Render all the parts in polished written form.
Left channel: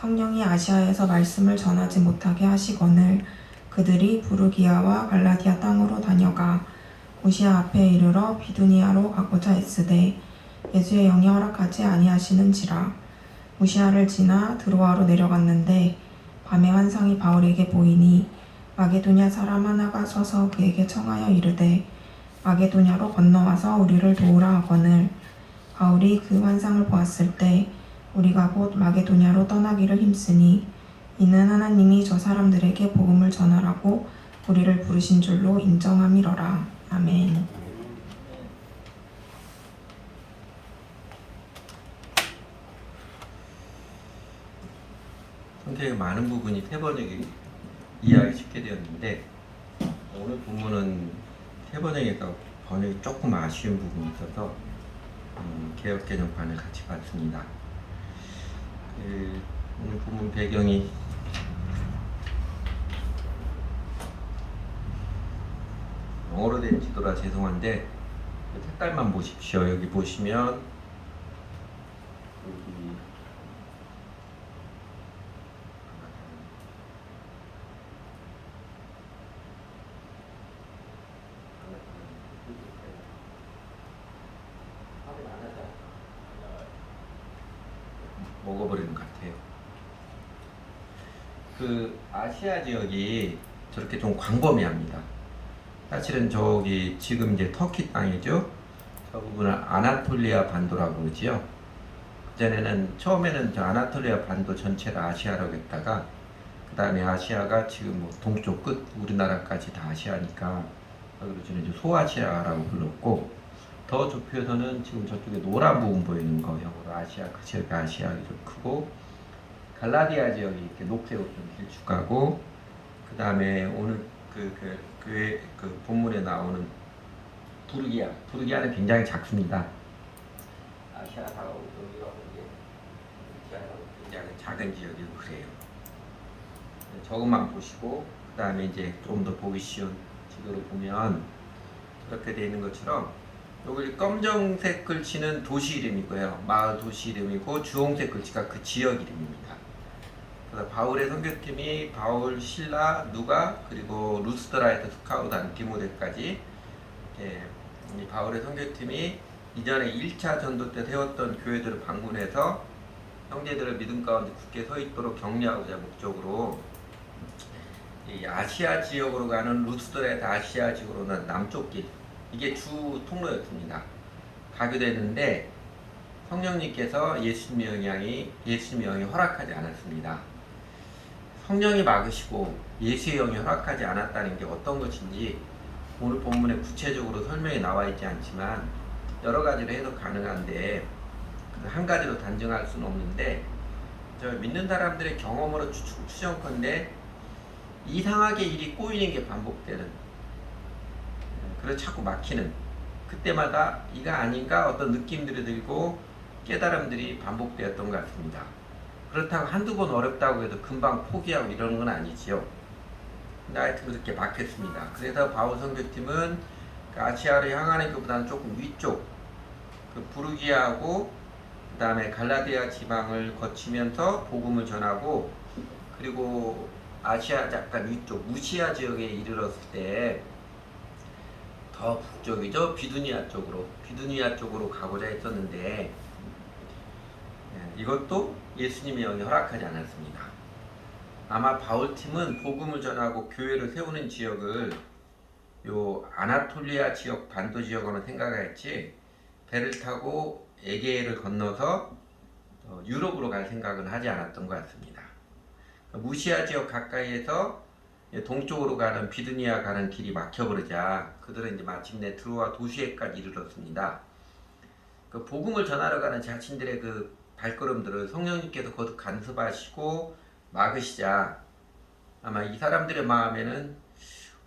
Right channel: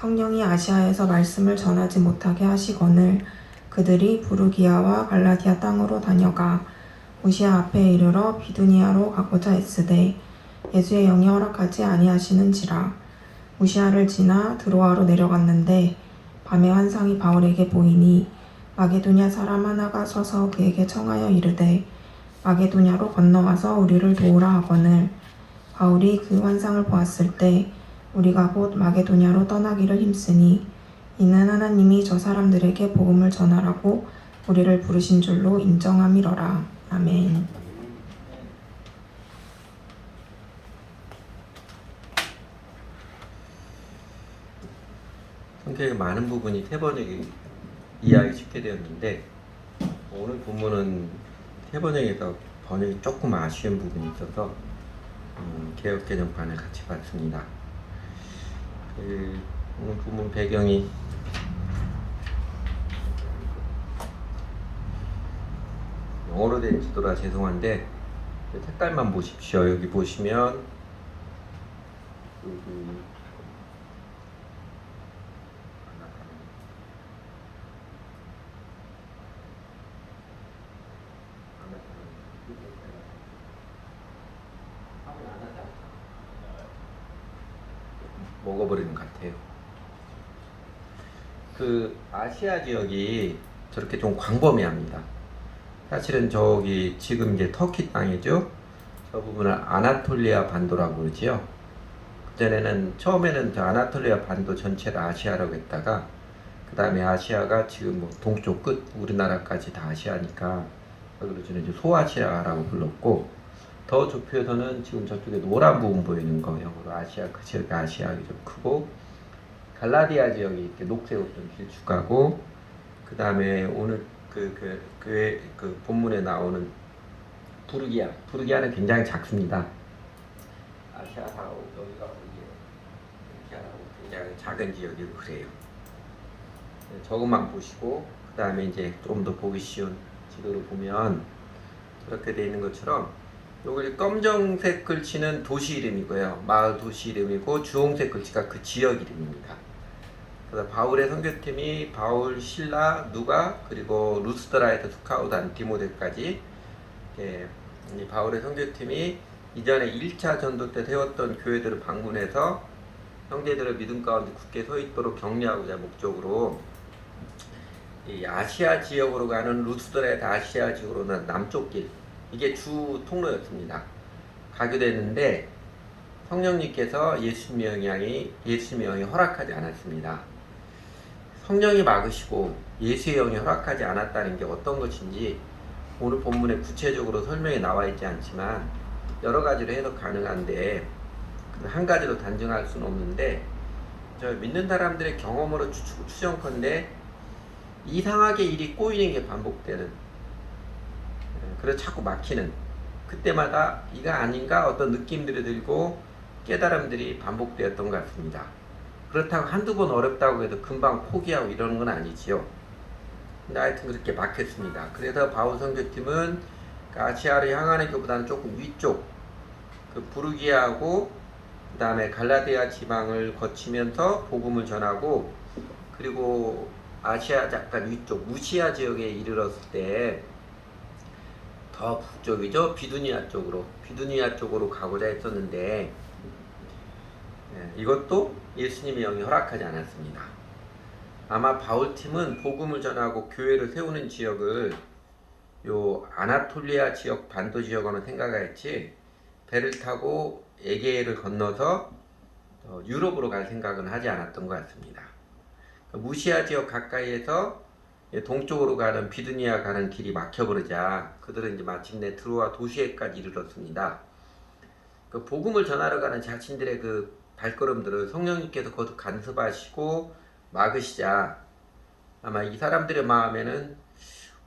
성령이 아시아에서 말씀을 전하지 못하게 하시거늘 그들이 부르기아와 갈라디아 땅으로 다녀가 무시아 앞에 이르러 비두니아로 가고자 했으되 예수의 영이 허락하지 아니하시는지라. 무시아를 지나 드로아로 내려갔는데 밤에 환상이 바울에게 보이니 마게도냐 사람 하나가 서서 그에게 청하여 이르되 마게도냐로 건너와서 우리를 도우라 하거늘 바울이 그 환상을 보았을 때 우리가 곧 마게도냐로 떠나기를 힘쓰니 이는 하나님이 저 사람들에게 복음을 전하라고 우리를 부르신 줄로 인정함이러라. 아멘. 성경의 많은 부분이 세번역에 이해하기 쉽게 되었는데 오늘 본문은 세번역에서 번역이 조금 아쉬운 부분이 있어서 개역개정판을 같이 봤습니다. 오늘 본문 배경이 영어로 된 지도라 죄송한데 색깔만 보십시오. 여기 보시면 여기 먹어버리는 것 같아요. 그 아시아 지역이 저렇게 좀 광범위합니다. 사실은 저기 지금 이제 터키 땅이죠. 저 부분을 아나톨리아 반도라고 그러지요. 그전에는 처음에는 저 아나톨리아 반도 전체를 아시아라고 했다가 그 다음에 아시아가 지금 뭐 동쪽 끝 우리나라까지 다 아시아니까 여기로 저는 이제 소아시아라고 불렀고 더 좁혀서는 지금 저쪽에 노란 부분 보이는 거예요. 아시아 그 지역이 아시아가 좀 크고 갈라디아 지역이 이렇게 녹색으로 좀 길쭉하고 그 다음에 오늘 그 본문에 나오는 부르기아는 굉장히 작습니다. 아시아하고 여기가 부르기아하고 굉장히 작은 지역이고 그래요. 저것만 보시고 그 다음에 이제 좀 더 보기 쉬운 지도를 보면 저렇게 되어 있는 것처럼 요걸 검정색 글씨는 도시 이름이고요. 마을 도시 이름이고 주홍색 글씨가 그 지역 이름입니다. 그래서 바울의 선교팀이 바울, 실라, 누가 그리고 루스드라에서 스카우트한 디모데까지 이 바울의 선교팀이 이전에 1차 전도 때 세웠던 교회들을 방문해서 형제들의 믿음 가운데 굳게 서 있도록 격려하고자 목적으로 이 아시아 지역으로 가는 루스드라에서 아시아 지역으로 가는 남쪽 길 이게 주 통로였습니다. 가게 됐는데 성령님께서 예수님의 영이 허락하지 않았습니다. 성령이 막으시고 예수의 영이 허락하지 않았다는 게 어떤 것인지 오늘 본문에 구체적으로 설명이 나와 있지 않지만 여러 가지로 해석 가능한데 한 가지로 단정할 수는 없는데 저 믿는 사람들의 경험으로 추정컨대 이상하게 일이 꼬이는 게 반복되는 그래서 자꾸 막히는 그때마다 이가 아닌가 어떤 느낌들이 들고 깨달음들이 반복되었던 것 같습니다. 그렇다고 한두 번 어렵다고 해도 금방 포기하고 이러는 건 아니지요. 근데 하여튼 그렇게 막혔습니다. 그래서 바울 선교팀은 아시아로 향하는 것보다는 조금 위쪽 그 부르기아하고 그 다음에 갈라디아 지방을 거치면서 복음을 전하고 그리고 아시아 약간 위쪽 무시아 지역에 이르렀을 때 더 북쪽이죠. 비두니아 쪽으로 가고자 했었는데 이것도 예수님의 영이 허락하지 않았습니다. 아마 바울팀은 복음을 전하고 교회를 세우는 지역을 요 아나톨리아 지역 반도 지역으로 생각했지 배를 타고 에게해를 건너서 유럽으로 갈 생각은 하지 않았던 것 같습니다. 무시아 지역 가까이에서 동쪽으로 가는 비두니아 가는 길이 막혀버리자 그들은 이제 마침내 드로아 도시에까지 이르렀습니다. 그 복음을 전하러 가는 자신들의 그 발걸음들을 성령님께서 거듭 간섭하시고 막으시자 아마 이 사람들의 마음에는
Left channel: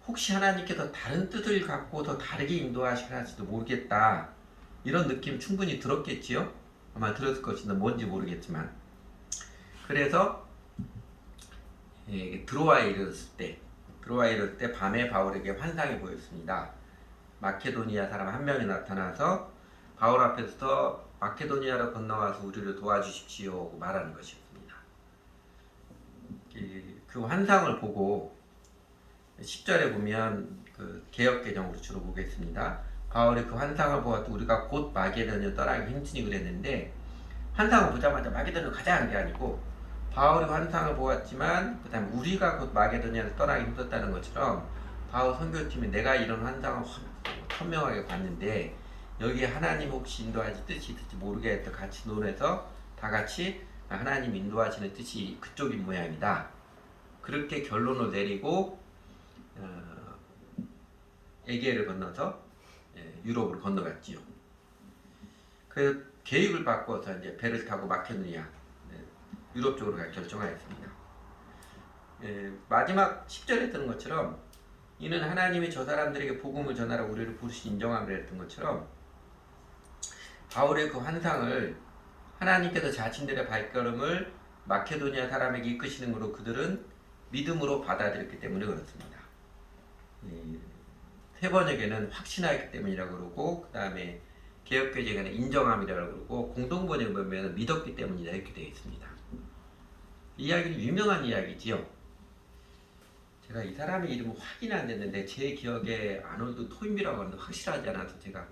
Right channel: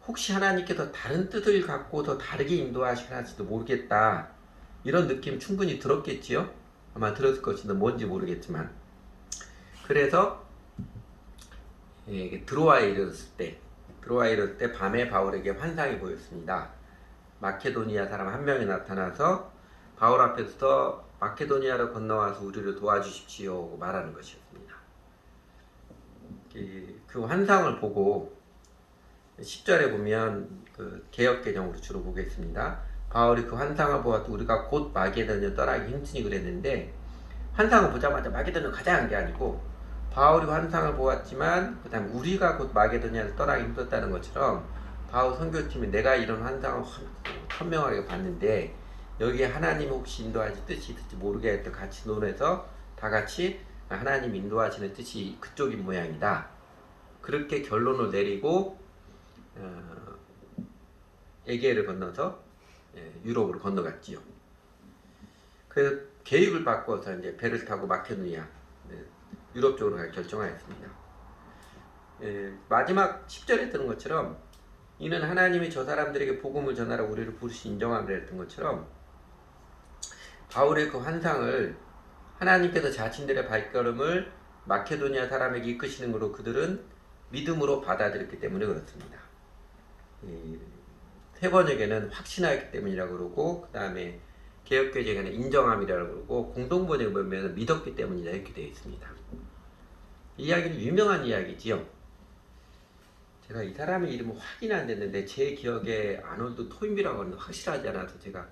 혹시 하나님께서 다른 뜻을 갖고 더 다르게 인도하시는지도 모르겠다 이런 느낌 충분히 들었겠지요. 아마 들었을 것인데 뭔지 모르겠지만 그래서 드로아에 이르렀을 때 밤에 바울에게 환상이 보였습니다. 마케도니아 사람 한 명이 나타나서 바울 앞에서 마케도니아로 건너와서 우리를 도와주십시오 말하는 것이었습니다. 그 환상을 보고 10절에 보면 그 개역 개정으로 주로 보겠습니다. 바울이 그 환상을 보았고 우리가 곧 마게도냐를 떠나기 힘쓰니 그랬는데 환상을 보자마자 마게도냐로 가자 한 게 아니고 바울이 환상을 보았지만 그다음 우리가 곧 마게도냐를 떠나기 힘들었다는 것처럼 바울 선교팀이 내가 이런 환상을 선명하게 봤는데 여기에 하나님 혹시 인도하실 뜻이 있을지 모르겠다 같이 논해서 다 같이 하나님 인도하시는 뜻이 그쪽인 모양이다. 그렇게 결론을 내리고 에게를 건너서 유럽으로 건너갔지요. 그래서 계획을 바꿔서 이제 배를 타고 마케도니아 유럽 쪽으로 갈 결정하였습니다. 마지막 10절에 뜨는 것처럼 이는 하나님이 저 사람들에게 복음을 전하라 우리를 부르시 인정함이라 했던 것처럼 바울의 그 환상을 하나님께서 자신들의 발걸음을 마케도니아 사람에게 이끄시는 것으로 그들은 믿음으로 받아들였기 때문에 그렇습니다. 세 번역에는 확신하였기 때문이라고 그러고 그 다음에 개역개정에는 인정함이라고 그러고 공동번역에 보면 믿었기 때문이다 이렇게 되어 있습니다. 이 이야기는 유명한 이야기지요. 제가 이 사람의 이름은 확인이 안 됐는데 제 기억에 아놀드 토임이라고 하는데 확실하지 않아서 제가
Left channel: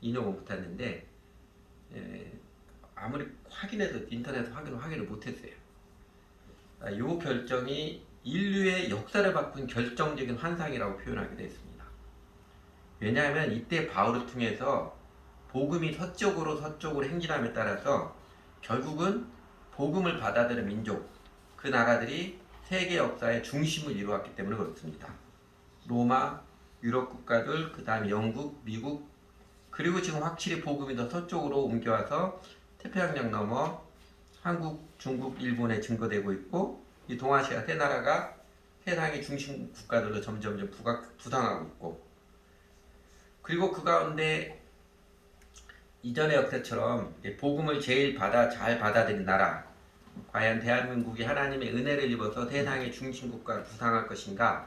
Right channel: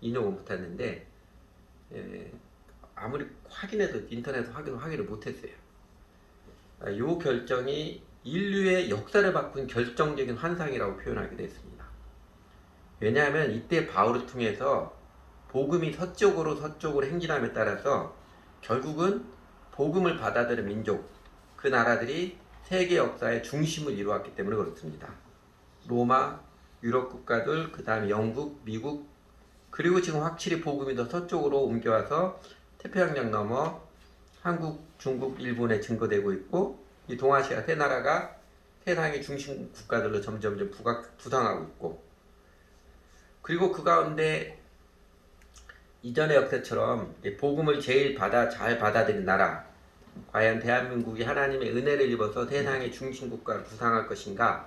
인용을 못했는데 아무리 확인해도 인터넷에서 확인을 못했어요. 이 결정이 인류의 역사를 바꾼 결정적인 환상이라고 표현하기도 했습니다. 왜냐하면 이때 바울을 통해서 복음이 서쪽으로 행진함에 따라서 결국은 복음을 받아들인 민족, 그 나라들이 세계 역사의 중심을 이루었기 때문에 그렇습니다. 로마, 유럽 국가들, 그 다음에 영국, 미국, 그리고 지금 확실히 복음이 더 서쪽으로 옮겨와서 태평양 넘어 한국, 중국, 일본에 증거되고 있고 이 동아시아 세 나라가 세상의 중심 국가들로 점점 부상하고 있고 그리고 그 가운데 이전의 역사처럼 복음을 제일 잘 받아들인 나라 과연 대한민국이 하나님의 은혜를 입어서 세상의 중심 국가를 부상할 것인가?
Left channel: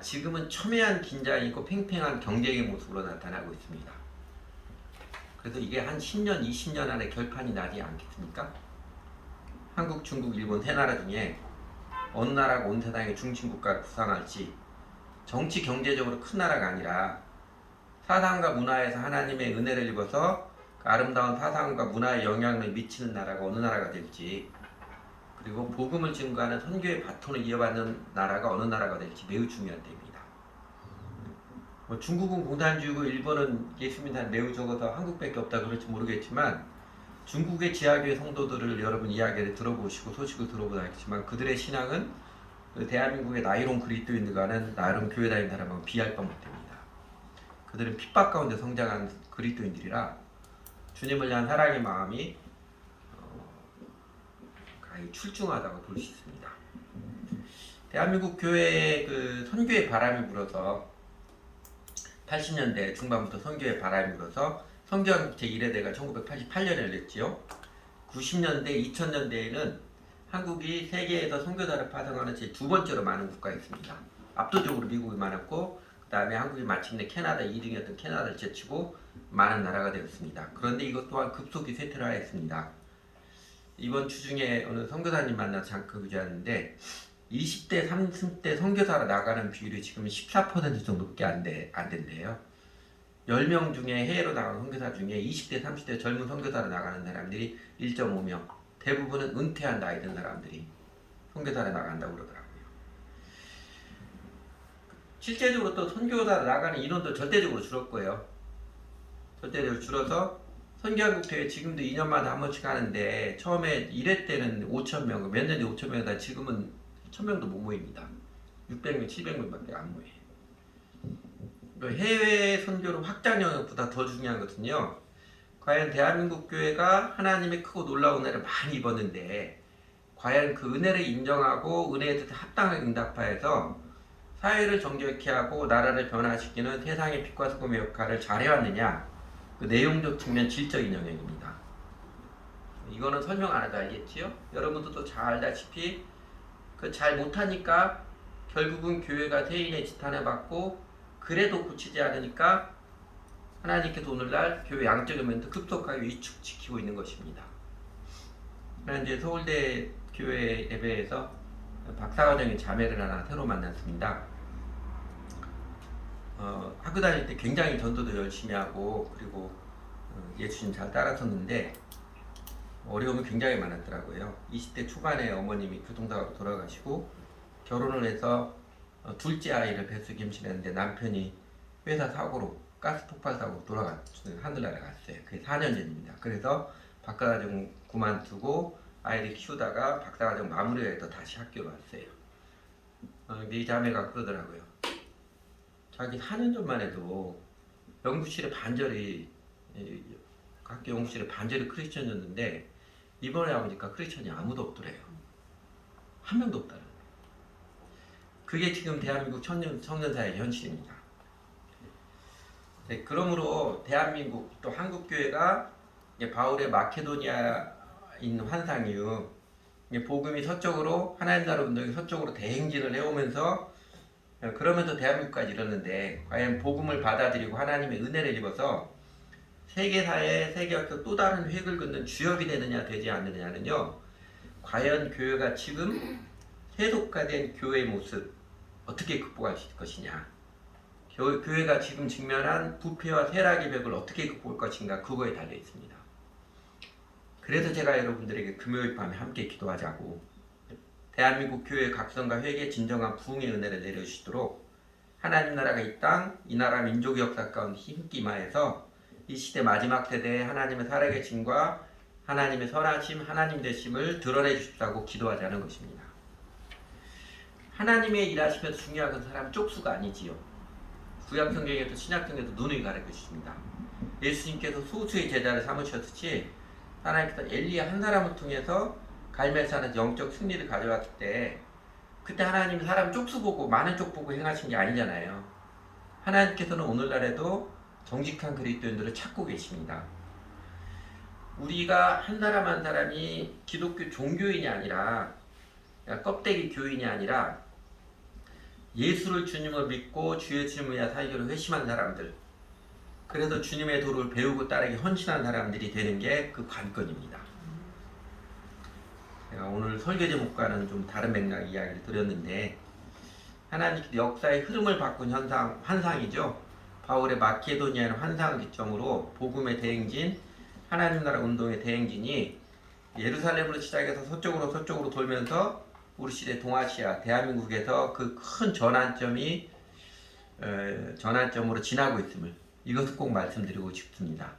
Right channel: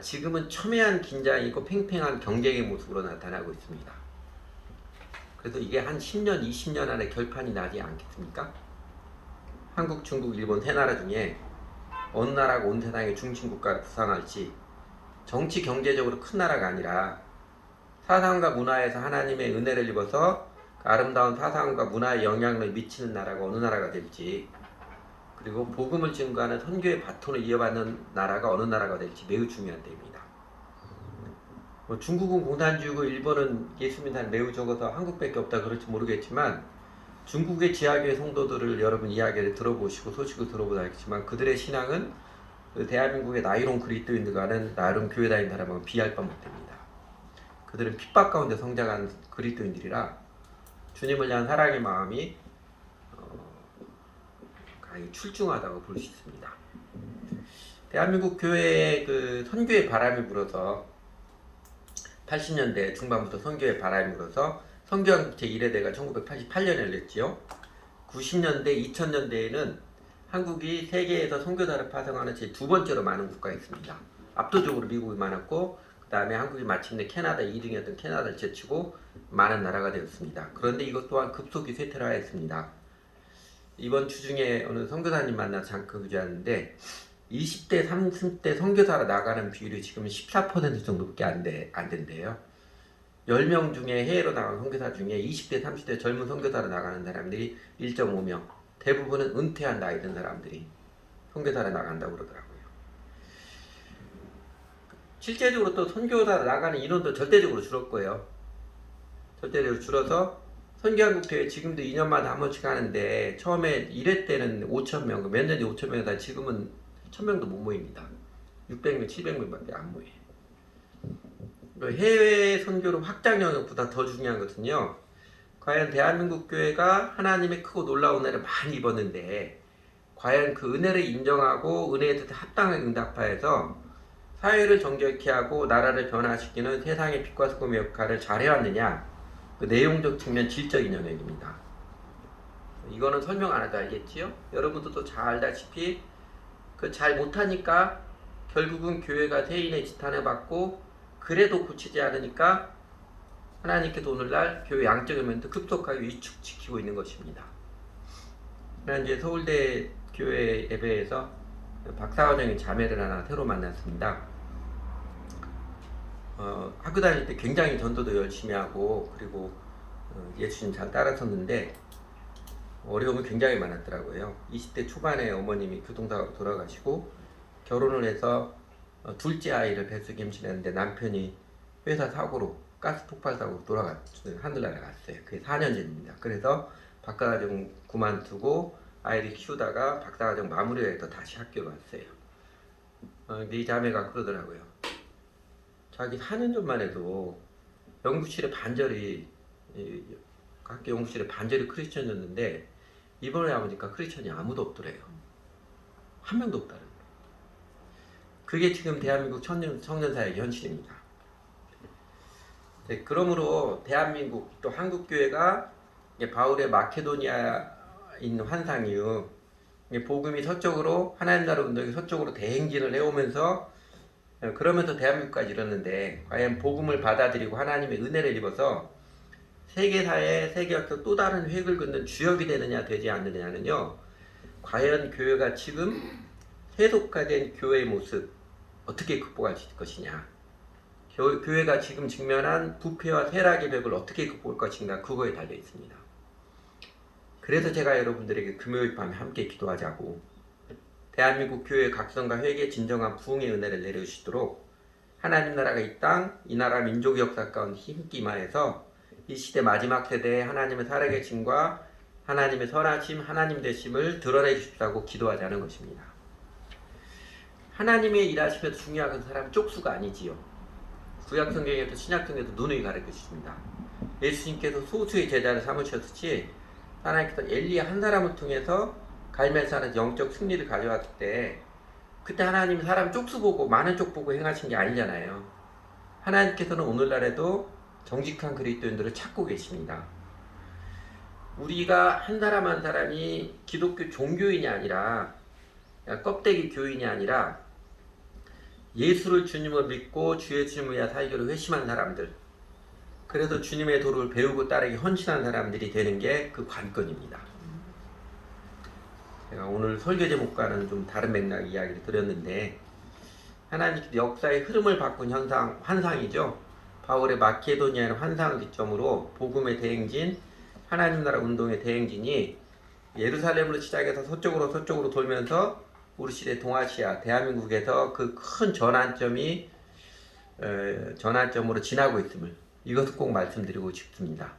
지금은 첨예한 긴장이고 팽팽한 경쟁의 모습으로 나타나고 있습니다. 그래서 이게 한 10년, 20년 안에 결판이 나지 않겠습니까? 한국, 중국, 일본 세 나라 중에 어느 나라가 온 세상의 중심 국가를 부상할지 정치 경제적으로 큰 나라가 아니라 사상과 문화에서 하나님의 은혜를 입어서 그 아름다운 사상과 문화에 영향을 미치는 나라가 어느 나라가 될지 그리고 복음을 증거하는 선교의 바톤을 이어받는 나라가 어느 나라가 될지 매우 중요한 때입니다. 중국은 공산주의고 일본은 예수민단 매우 적어서 한국밖에 없다 그럴지 모르겠지만 중국의 지하교회 성도들을 여러분 이야기를 들어보시고 소식을 들어보다 알겠지만 그들의 신앙은 대한민국의 나이론 그리스도인들과는 나이론 교회 다니는 사람은 비할 바 못합니다. 그들은 핍박 가운데 성장한 그리스도인들이라 주님을 향한 사랑의 마음이 가히 출중하다고 볼 수 있습니다. 대한민국 교회에 그 선교의 바람이 불어서 80년대 중반부터 선교의 바람이 불어서 선교한국 제1회대가 1988년에 열렸지요. 90년대, 2000년대에는 한국이 세계에서 선교사를 파송하는 제 두 번째로 많은 국가였습니다. 압도적으로 미국이 많았고 그 다음에 한국이 마침내 캐나다 2등이었던 캐나다를 제치고 많은 나라가 되었습니다. 그런데 이것 또한 급속히 쇠퇴를 하였습니다. 이번 주 중에 어느 선교사님 만나서 잠깐 그주하는데 20대, 30대 선교사로 나가는 비율이 지금 14% 정도밖에 안 된대요. 10명 중에 해외로 나간 선교사 중에 20대, 30대 젊은 선교사로 나가는 사람들이 1.5명. 대부분은 은퇴한 나이 든 사람들이 선교사로 나간다고 그러더라고요. 실제적으로 또 선교사로 나가는 인원도 절대적으로 줄을 거예요. 절대적으로 줄어서 선교한국 대회 지금도 2년마다 한 번씩 하는데 처음에 1회 때는 5,000명, 몇 년 뒤에 5,000명이다 지금은 1,000명도 못 모입니다. 600명, 700명밖에 안 모여요. 해외 선교로 확장 영역보다 더 중요한 것은요. 과연 대한민국 교회가 하나님의 크고 놀라운 은혜를 많이 입었는데 과연 그 은혜를 인정하고 은혜에 대해 합당하게 응답하여서 사회를 정결케 하고 나라를 변화시키는 세상의 빛과 소금의 역할을 잘해왔느냐 그 내용적 측면 질적인 영역입니다. 이거는 설명 안 해도 알겠지요? 여러분들도 잘 알다시피 그 잘 못하니까 결국은 교회가 세인의 지탄을 받고 그래도 고치지 않으니까 하나님께서 오늘날 교회 양적인 면도 급속하게 위축시키고 있는 것입니다. 이제 서울대 교회 예배에서 박사과정의 자매를 하나 새로 만났습니다. 학교 다닐 때 굉장히 전도도 열심히 하고 그리고 예수님 잘 따라섰는데 어려움이 굉장히 많았더라고요. 20대 초반에 어머님이 교통사고로 돌아가시고 결혼을 해서 둘째 아이를 뱃속에 임신했는데 남편이 회사 사고로 가스 폭발 사고로 하늘 날아갔어요. 그게 4년 전입니다. 그래서 박사과정 그만두고 아이를 키우다가 박사과정 마무리해서 다시 학교로 왔어요. 이 자매가 그러더라고요. 자기 4년 전만 해도 연구실에 반절이 학교 연구실에 반절이 크리스천이었는데 이번에 와보니까 크리스천이 아무도 없더래요. 한 명도 없다는 거예요. 그게 지금 대한민국 청년사의 현실입니다. 네, 그러므로 대한민국 또 한국교회가 바울의 마케도니아 있는 환상 이후 복음이 서쪽으로 하나님 나라 운동이 서쪽으로 대행진을 해오면서 그러면서 대한민국까지 이르는데 과연 복음을 받아들이고 하나님의 은혜를 입어서 세계사회 세계에서 또 다른 획을 긋는 주역이 되느냐 되지 않느냐는요, 과연 교회가 지금 세속화된 교회의 모습 어떻게 극복할 수 있을 것이냐, 교회가 지금 직면한 부패와 쇠락의 벽을 어떻게 극복할 것인가, 그거에 달려 있습니다. 그래서 제가 여러분들에게 금요일 밤에 함께 기도하자고, 대한민국 교회 각성과 회개의 진정한 부흥의 은혜를 내려주시도록 하나님 나라가 이 땅, 이 나라 민족 역사 가운데 힘있게 임하여서 이 시대 마지막 세대에 하나님의 살아계심과 하나님의 선하심, 하나님 되심을 드러내 주십사고 기도하자는 것입니다. 하나님의 일하시면서 중요한 건 사람 쪽수가 아니지요. 구약성경에도 신약성경에도 눈을 가르쳐 주십니다. 예수님께서 소수의 제자를 삼으셨듯이 하나님께서 엘리야 한 사람을 통해서 갈멜산에서 영적 승리를 가져왔을 때 그때 하나님 사람 쪽수 보고 많은 쪽 보고 행하신 게 아니잖아요. 하나님께서는 오늘날에도 정직한 그리스도인들을 찾고 계십니다. 우리가 한 사람 한 사람이 기독교 종교인이 아니라 껍데기 교인이 아니라 예수를 주님을 믿고 주 예수님을 위해 살기로 회심한 사람들, 그래서 주님의 도를 배우고 따르기 헌신한 사람들이 되는 게 그 관건입니다. 제가 오늘 설교 제목과는 좀 다른 맥락 이야기를 드렸는데 하나님께서 역사의 흐름을 바꾼 환상이죠. 바울의 마케도니아의 환상을 기점으로 복음의 대행진, 하나님 나라 운동의 대행진이 예루살렘으로 시작해서 서쪽으로 돌면서 우리 시대 동아시아, 대한민국에서 그 큰 전환점으로 지나고 있음을 이것을 꼭 말씀드리고 싶습니다.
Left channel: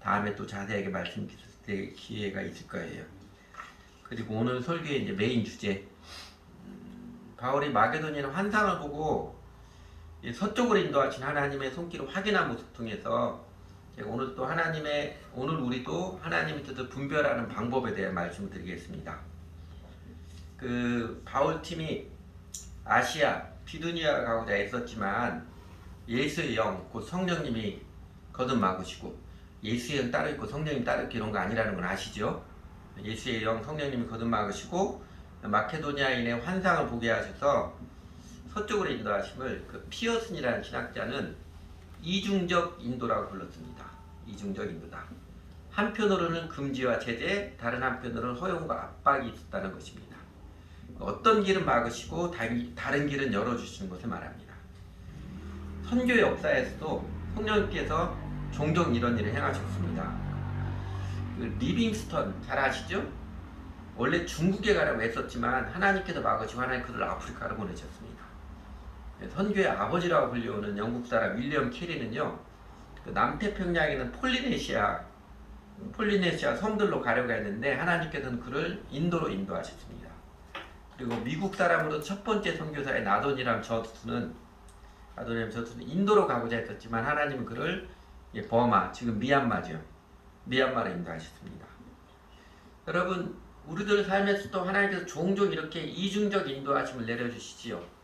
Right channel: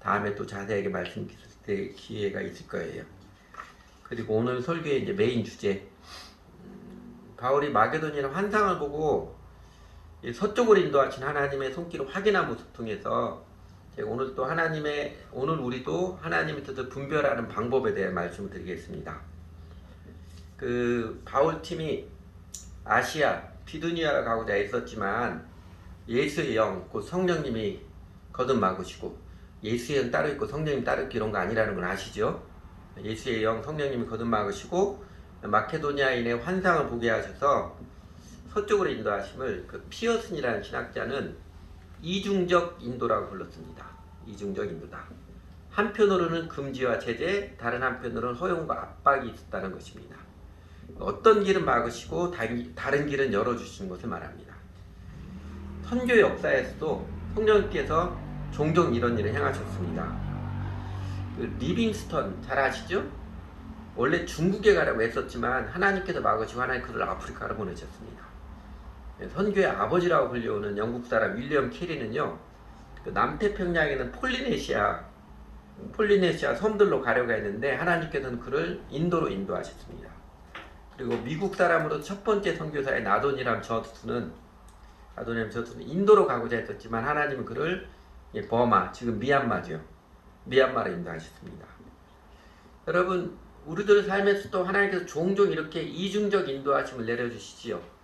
다음에 또 자세하게 말씀드릴 기회가 있을 거예요. 그리고 오늘 설교의 이제 메인 주제, 바울이 마게도니아 환상을 보고 서쪽으로 인도하신 하나님의 손길을 확인한 모습 통해서 제가 오늘 우리도 하나님의 뜻을 분별하는 방법에 대해 말씀을 드리겠습니다. 그 바울 팀이 아시아 비두니아를 가고자 애썼지만 예수의 영, 곧 성령님이 거듭막으시고 예수의 영 따로 있고 성령님 따로 있고 이런 거 아니라는 건 아시죠? 예수의 영, 성령님이 거듭막으시고 마케도니아인의 환상을 보게 하셔서 서쪽으로 인도하심을 그 피어슨이라는 신학자는 이중적 인도라고 불렀습니다. 이중적 인도다. 한편으로는 금지와 제재, 다른 한편으로는 허용과 압박이 있었다는 것입니다. 어떤 길은 막으시고 다른 길은 열어주시는 것을 말합니다. 선교 역사에서도 성령님께서 종종 이런 일을 행하셨습니다. 그 리빙스턴 잘 아시죠? 원래 중국에 가려고 했었지만 하나님께서 막으시고 하나님 그를 아프리카로 보내셨습니다. 선교의 아버지라고 불려오는 영국 사람 윌리엄 캐리는요, 그 남태평양에 있는 폴리네시아 섬들로 가려고 했는데 하나님께서는 그를 인도로 인도하셨습니다. 그리고 미국 사람으로 첫 번째 선교사의 나도니람 저투는 인도로 가고자 했었지만 하나님은 그를 버마, 지금 미얀마죠. 미얀마로 인도하셨습니다. 여러분, 우리들 삶에서도 하나님께서 종종 이렇게 이중적 인도하심을 내려주시지요.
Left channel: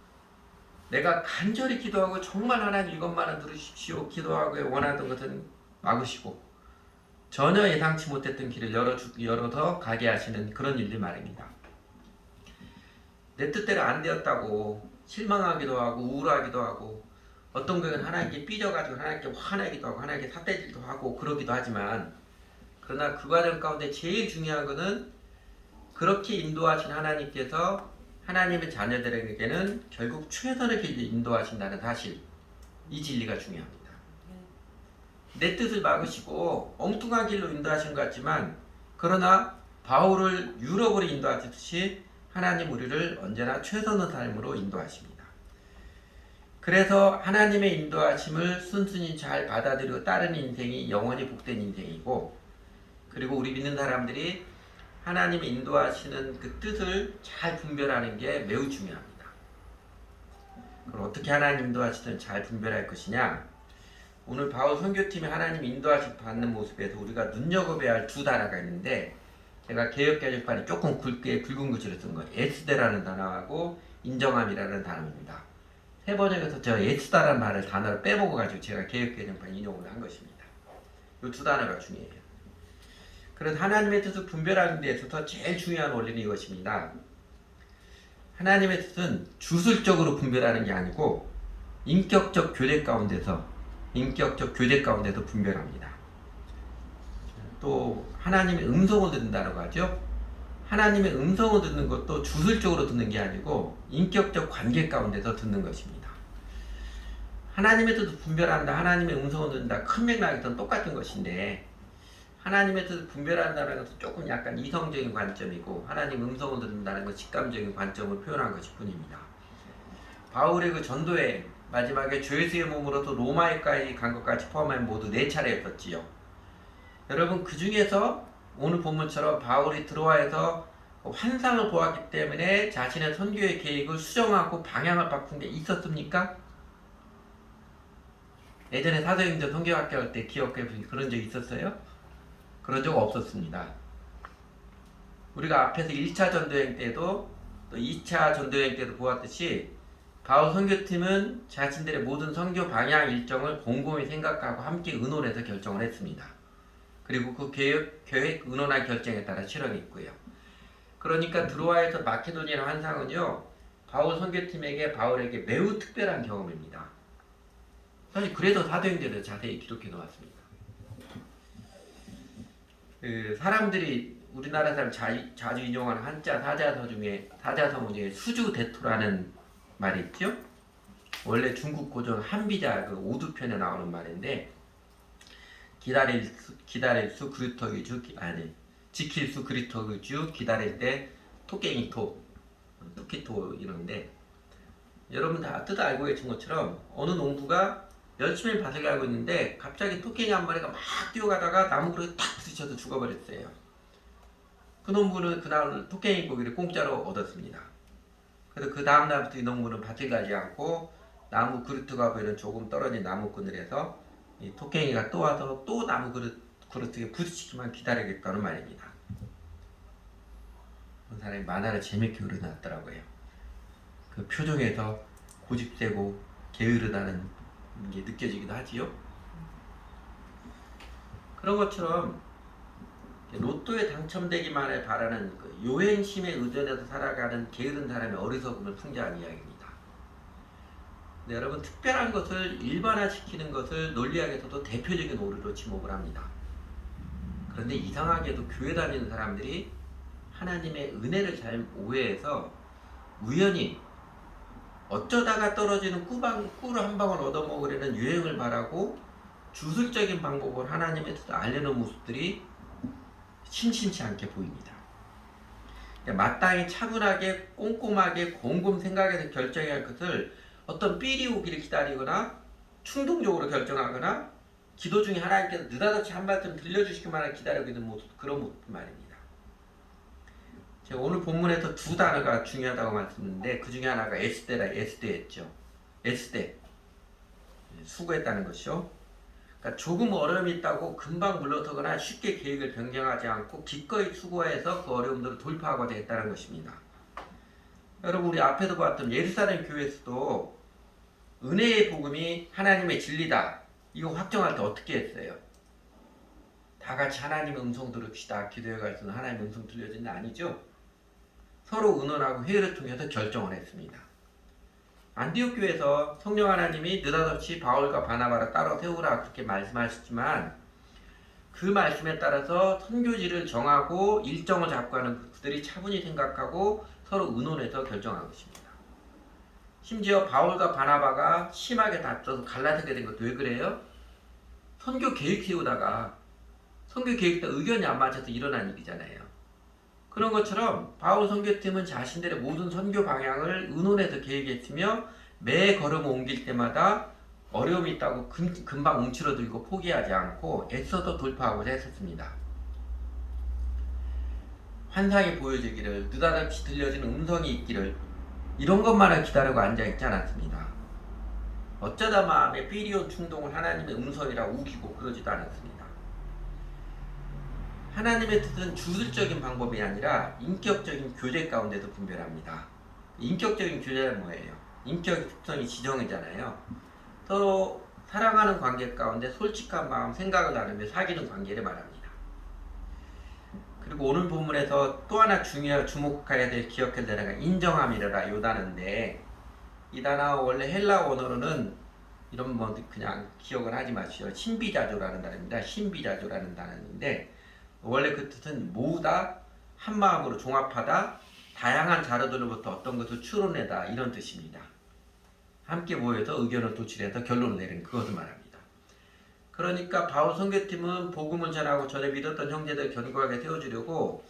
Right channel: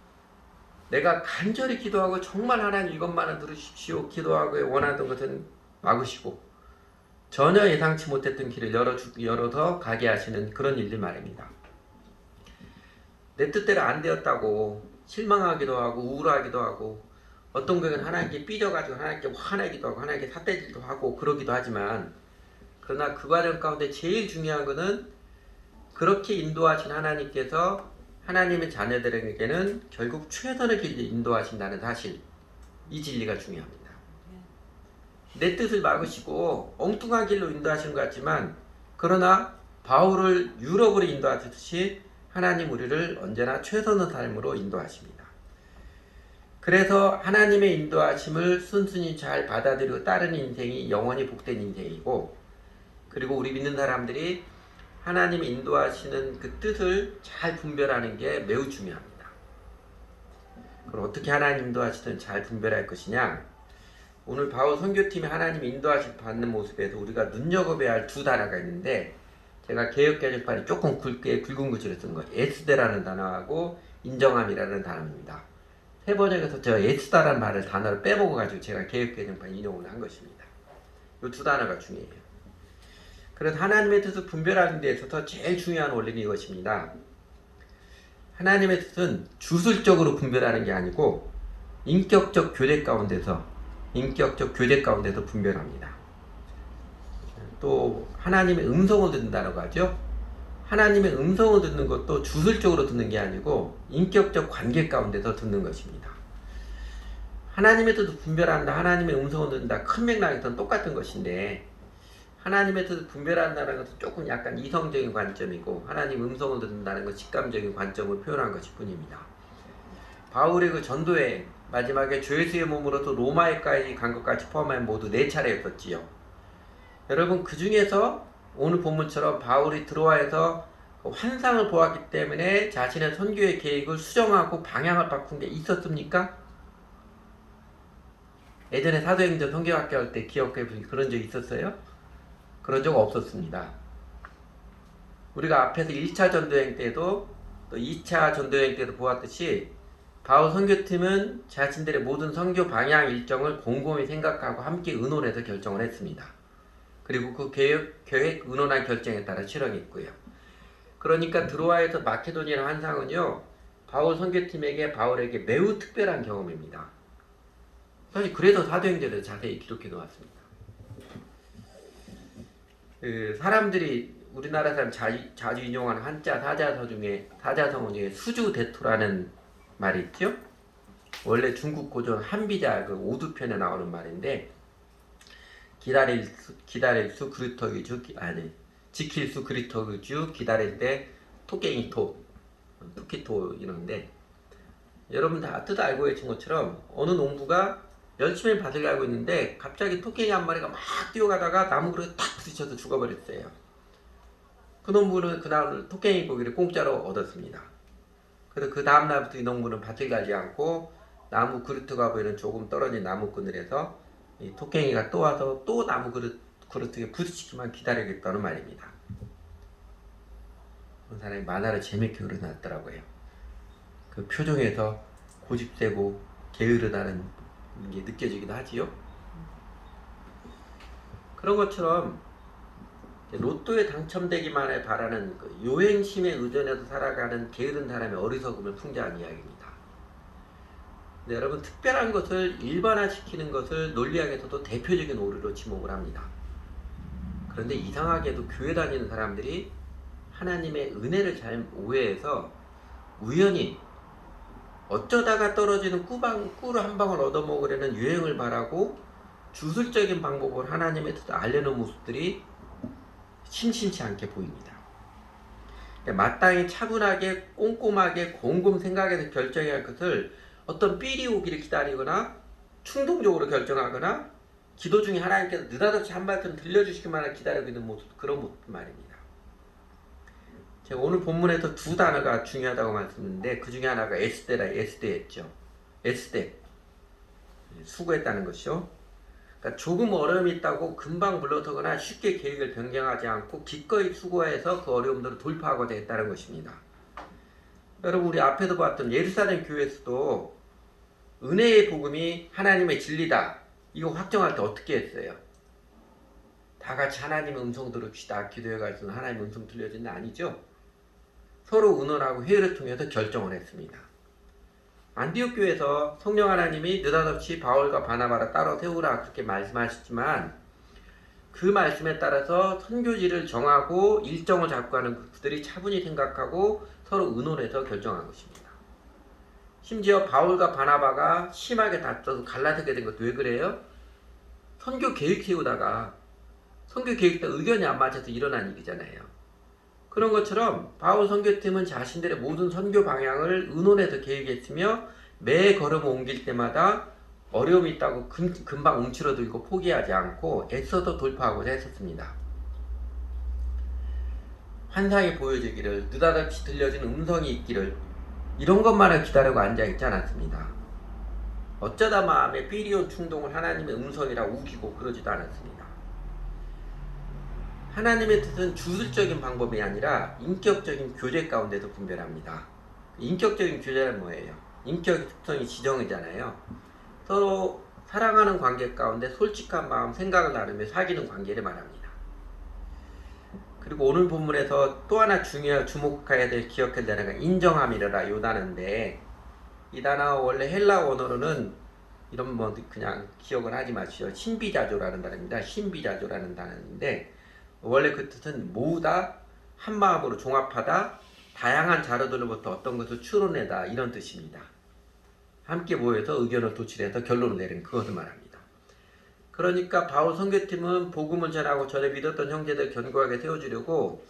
내가 간절히 기도하고 정말 하나님 이것만은 들으십시오 기도하고 원하던 것은 막으시고 전혀 예상치 못했던 길을 열어서 가게 하시는 그런 일들 말입니다. 내 뜻대로 안 되었다고 실망하기도 하고 우울하기도 하고 어떤 경우는 하나님께 삐져가지고 하나님께 화내기도 하고 하나님께 삿대질도 하고 그러기도 하지만, 그러나 그 과정 가운데 제일 중요한 것은 그렇게 인도하신 하나님께서 하나님의 자녀들에게는 결국 최선의 길로 인도하신다는 사실, 이 진리가 중요합니다. 내 뜻을 막으시고 엉뚱한 길로 인도하신 것 같지만, 그러나 바울을 유럽으로 인도하듯이 하나님 우리를 언제나 최선의 삶으로 인도하십니다. 그래서 하나님의 인도하심을 순순히 잘 받아들이고 따르는 인생이 영원히 복된 인생이고, 그리고 우리 믿는 사람들이 하나님이 인도하시는 그 뜻을 잘 분별하는 게 매우 중요합니다. 그럼 어떻게 하나님 인도하시든 잘 분별할 것이냐? 오늘 바울 선교팀이 하나님 인도하심 받는 모습에서 우리가 눈여겨봐야 할 두 단어가 있는데, 제가 개역개정판이 조금 굵은 글씨로 쓴 거예요. 에스데라는 단어하고 인정함이라는 단어입니다. 세 번역에서 제가 에스다라는 단어를 빼먹어가지고 제가 개역개정판 인용을 한 것입니다. 이 두 단어가 중요해요. 그래서 하나님의 뜻을 분별하는 데 있어서 제일 중요한 원리는 이것입니다. 하나님의 뜻은 주술적으로 분별하는 게 아니고 인격적 교제 가운데서 분별합니다. 또 하나님의 음성을 듣는다고 하죠. 하나님의 음성을 듣는 것도 주술적으로 듣는 게 아니고 인격적 관계 가운데서 듣는 것입니다. 하나님의 뜻을 분별한다, 하나님의 음성을 듣는다, 큰 맥락에서는 똑같은 것인데, 하나님의 뜻을 분별한다는 것은 조금 약간 이성적인 관점이고, 하나님 음성을 듣는다는 것은 직감적인 관점을 표현한 것일 뿐입니다. 바울의 그 전도에 마지막에 주 예수의 몸으로서 로마에까지 간 것까지 포함하면 모두 4차례였었지요. 여러분, 그 중에서 오늘 본문처럼 바울이 드로아에서 환상을 보았기 때문에 자신의 선교의 계획을 수정하고 방향을 바꾼 게 있었습니까? 예전에 사도행전 선교학교 할 때 기억해 보시 그런 적 있었어요? 그런 적 없었습니다. 우리가 앞에서 1차 전도행 때도 또 2차 전도행 때도 보았듯이 바울 선교팀은 자신들의 모든 선교 방향 일정을 곰곰이 생각하고 함께 의논해서 결정을 했습니다. 그리고 그 계획 의논한 결정에 따라 실행했고요. 그러니까 드로아에서 마케도니아 환상은요, 바울 선교팀에게 바울에게 매우 특별한 경험입니다. 사실 그래서 사도행전을 자세히 기록해 놓았습니다. 사람들이 우리나라 사람 자주 인용하는 한자 사자성어 중에 수주대토라는 말이 있죠. 원래 중국 고전 한비자 그 오두편에 나오는 말인데, 기다릴 수 그루터기 주 지킬 수 그루터기 주 기다릴 때 토끼토 이런데, 여러분 다 뜻 알고 계신 것처럼 어느 농부가 열심히 밭을 갈고 있는데 갑자기 토끼 한 마리가 막 뛰어가다가 나무 그릇에 탁 부딪혀서 죽어버렸어요. 그 농부는 그날 토끼 고기를 공짜로 얻었습니다. 그래서 그 다음날부터 이 농부는 밭을 가지 않고 나무 그루트가 보이는 조금 떨어진 나무 그늘에서 이 토끼가 또 와서 또 나무 그루트에 부딪히기만 기다리겠다는 말입니다. 그런 사람이 만화를 재밌게 그려놨더라고요. 그 표정에서 고집세고 게으르다는 게 느껴지기도 하지요. 그런 것처럼 로또에 당첨되기만을 바라는 그 요행심에 의존해서 살아가는 게으른 사람의 어리석음을 풍자한 이야기입니다. 근데 여러분, 특별한 것을 일반화시키는 것을 논리학에서도 대표적인 오류로 지목을 합니다. 그런데 이상하게도 교회 다니는 사람들이 하나님의 은혜를 잘 오해해서 우연히 어쩌다가 떨어지는 꿀을 한 방울 얻어먹으려는 유행을 바라고 주술적인 방법으로 하나님의 뜻을 알려는 모습들이 심심치 않게 보입니다. 마땅히 차분하게 꼼꼼하게 곰곰 생각해서 결정해야 할 것을 어떤 삘이 오기를 기다리거나 충동적으로 결정하거나 기도 중에 하나님께서 느닷없이 한 말씀 들려주시기만을 기다리고 있는 모습, 그런 모습 말입니다. 제가 오늘 본문에서 두 단어가 중요하다고 말씀드렸는데, 그 중에 하나가 에스데였죠. 에스데, 수고했다는 것이요. 그러니까 조금 어려움이 있다고 금방 물러서거나 쉽게 계획을 변경하지 않고 기꺼이 수고해서 그 어려움들을 돌파하고자 했다는 것입니다. 여러분, 우리 앞에도 봤던 예루살렘 교회에서도 은혜의 복음이 하나님의 진리다, 이거 확정할 때 어떻게 했어요? 다 같이 하나님의 음성 들읍시다, 기도회 가서 하나님의 음성 들려진다, 아니죠? 서로 의논하고 회의를 통해서 결정을 했습니다. 안디옥 교회에서 성령 하나님이 느닷없이 바울과 바나바를 따로 세우라 그렇게 말씀하셨지만, 그 말씀에 따라서 선교지를 정하고 일정을 잡고 하는 그들이 차분히 생각하고 서로 의논해서 결정한 것입니다. 심지어 바울과 바나바가 심하게 다퉈서 갈라서게 된 것도 왜 그래요? 선교 계획 세우다가 선교 계획과 의견이 안 맞아서 일어난 일이잖아요. 그런 것처럼 바울 선교팀은 자신들의 모든 선교 방향을 의논해서 계획했으며 매 걸음 옮길 때마다 어려움이 있다고 금방 움츠러들고 포기하지 않고 애써서 돌파하고자 했었습니다. 환상이 보여지기를, 느닷없이 들려진 음성이 있기를, 이런 것만을 기다리고 앉아있지 않았습니다. 어쩌다 마음에 삐리온 충동을 하나님의 음성이라 우기고 그러지도 않았습니다. 하나님의 뜻은 주술적인 방법이 아니라 인격적인 교제 가운데도 분별합니다. 인격적인 교제는 뭐예요? 인격 특성이 지정이잖아요. 서로 사랑하는 관계 가운데 솔직한 마음, 생각을 나누며 사귀는 관계를 말합니다. 그리고 오늘 본문에서 또 하나 주목해야 될 기억해야 될 단어가 인정함이라 요 단어인데, 이 단어 원래 헬라 원어로는 이런 뭐 그냥 기억을 하지 마시오. 신비자조라는 단어입니다. 신비자조라는 단어인데 원래 그 뜻은 모으다, 한 마음으로 종합하다, 다양한 자료들로부터 어떤 것을 추론해다, 이런 뜻입니다. 함께 모여서 의견을 도출해서 결론을 내리는 그것을 말합니다. 그러니까 바울 선교팀은 복음을 전하고 전에 믿었던 형제들 견고하게 세워주려고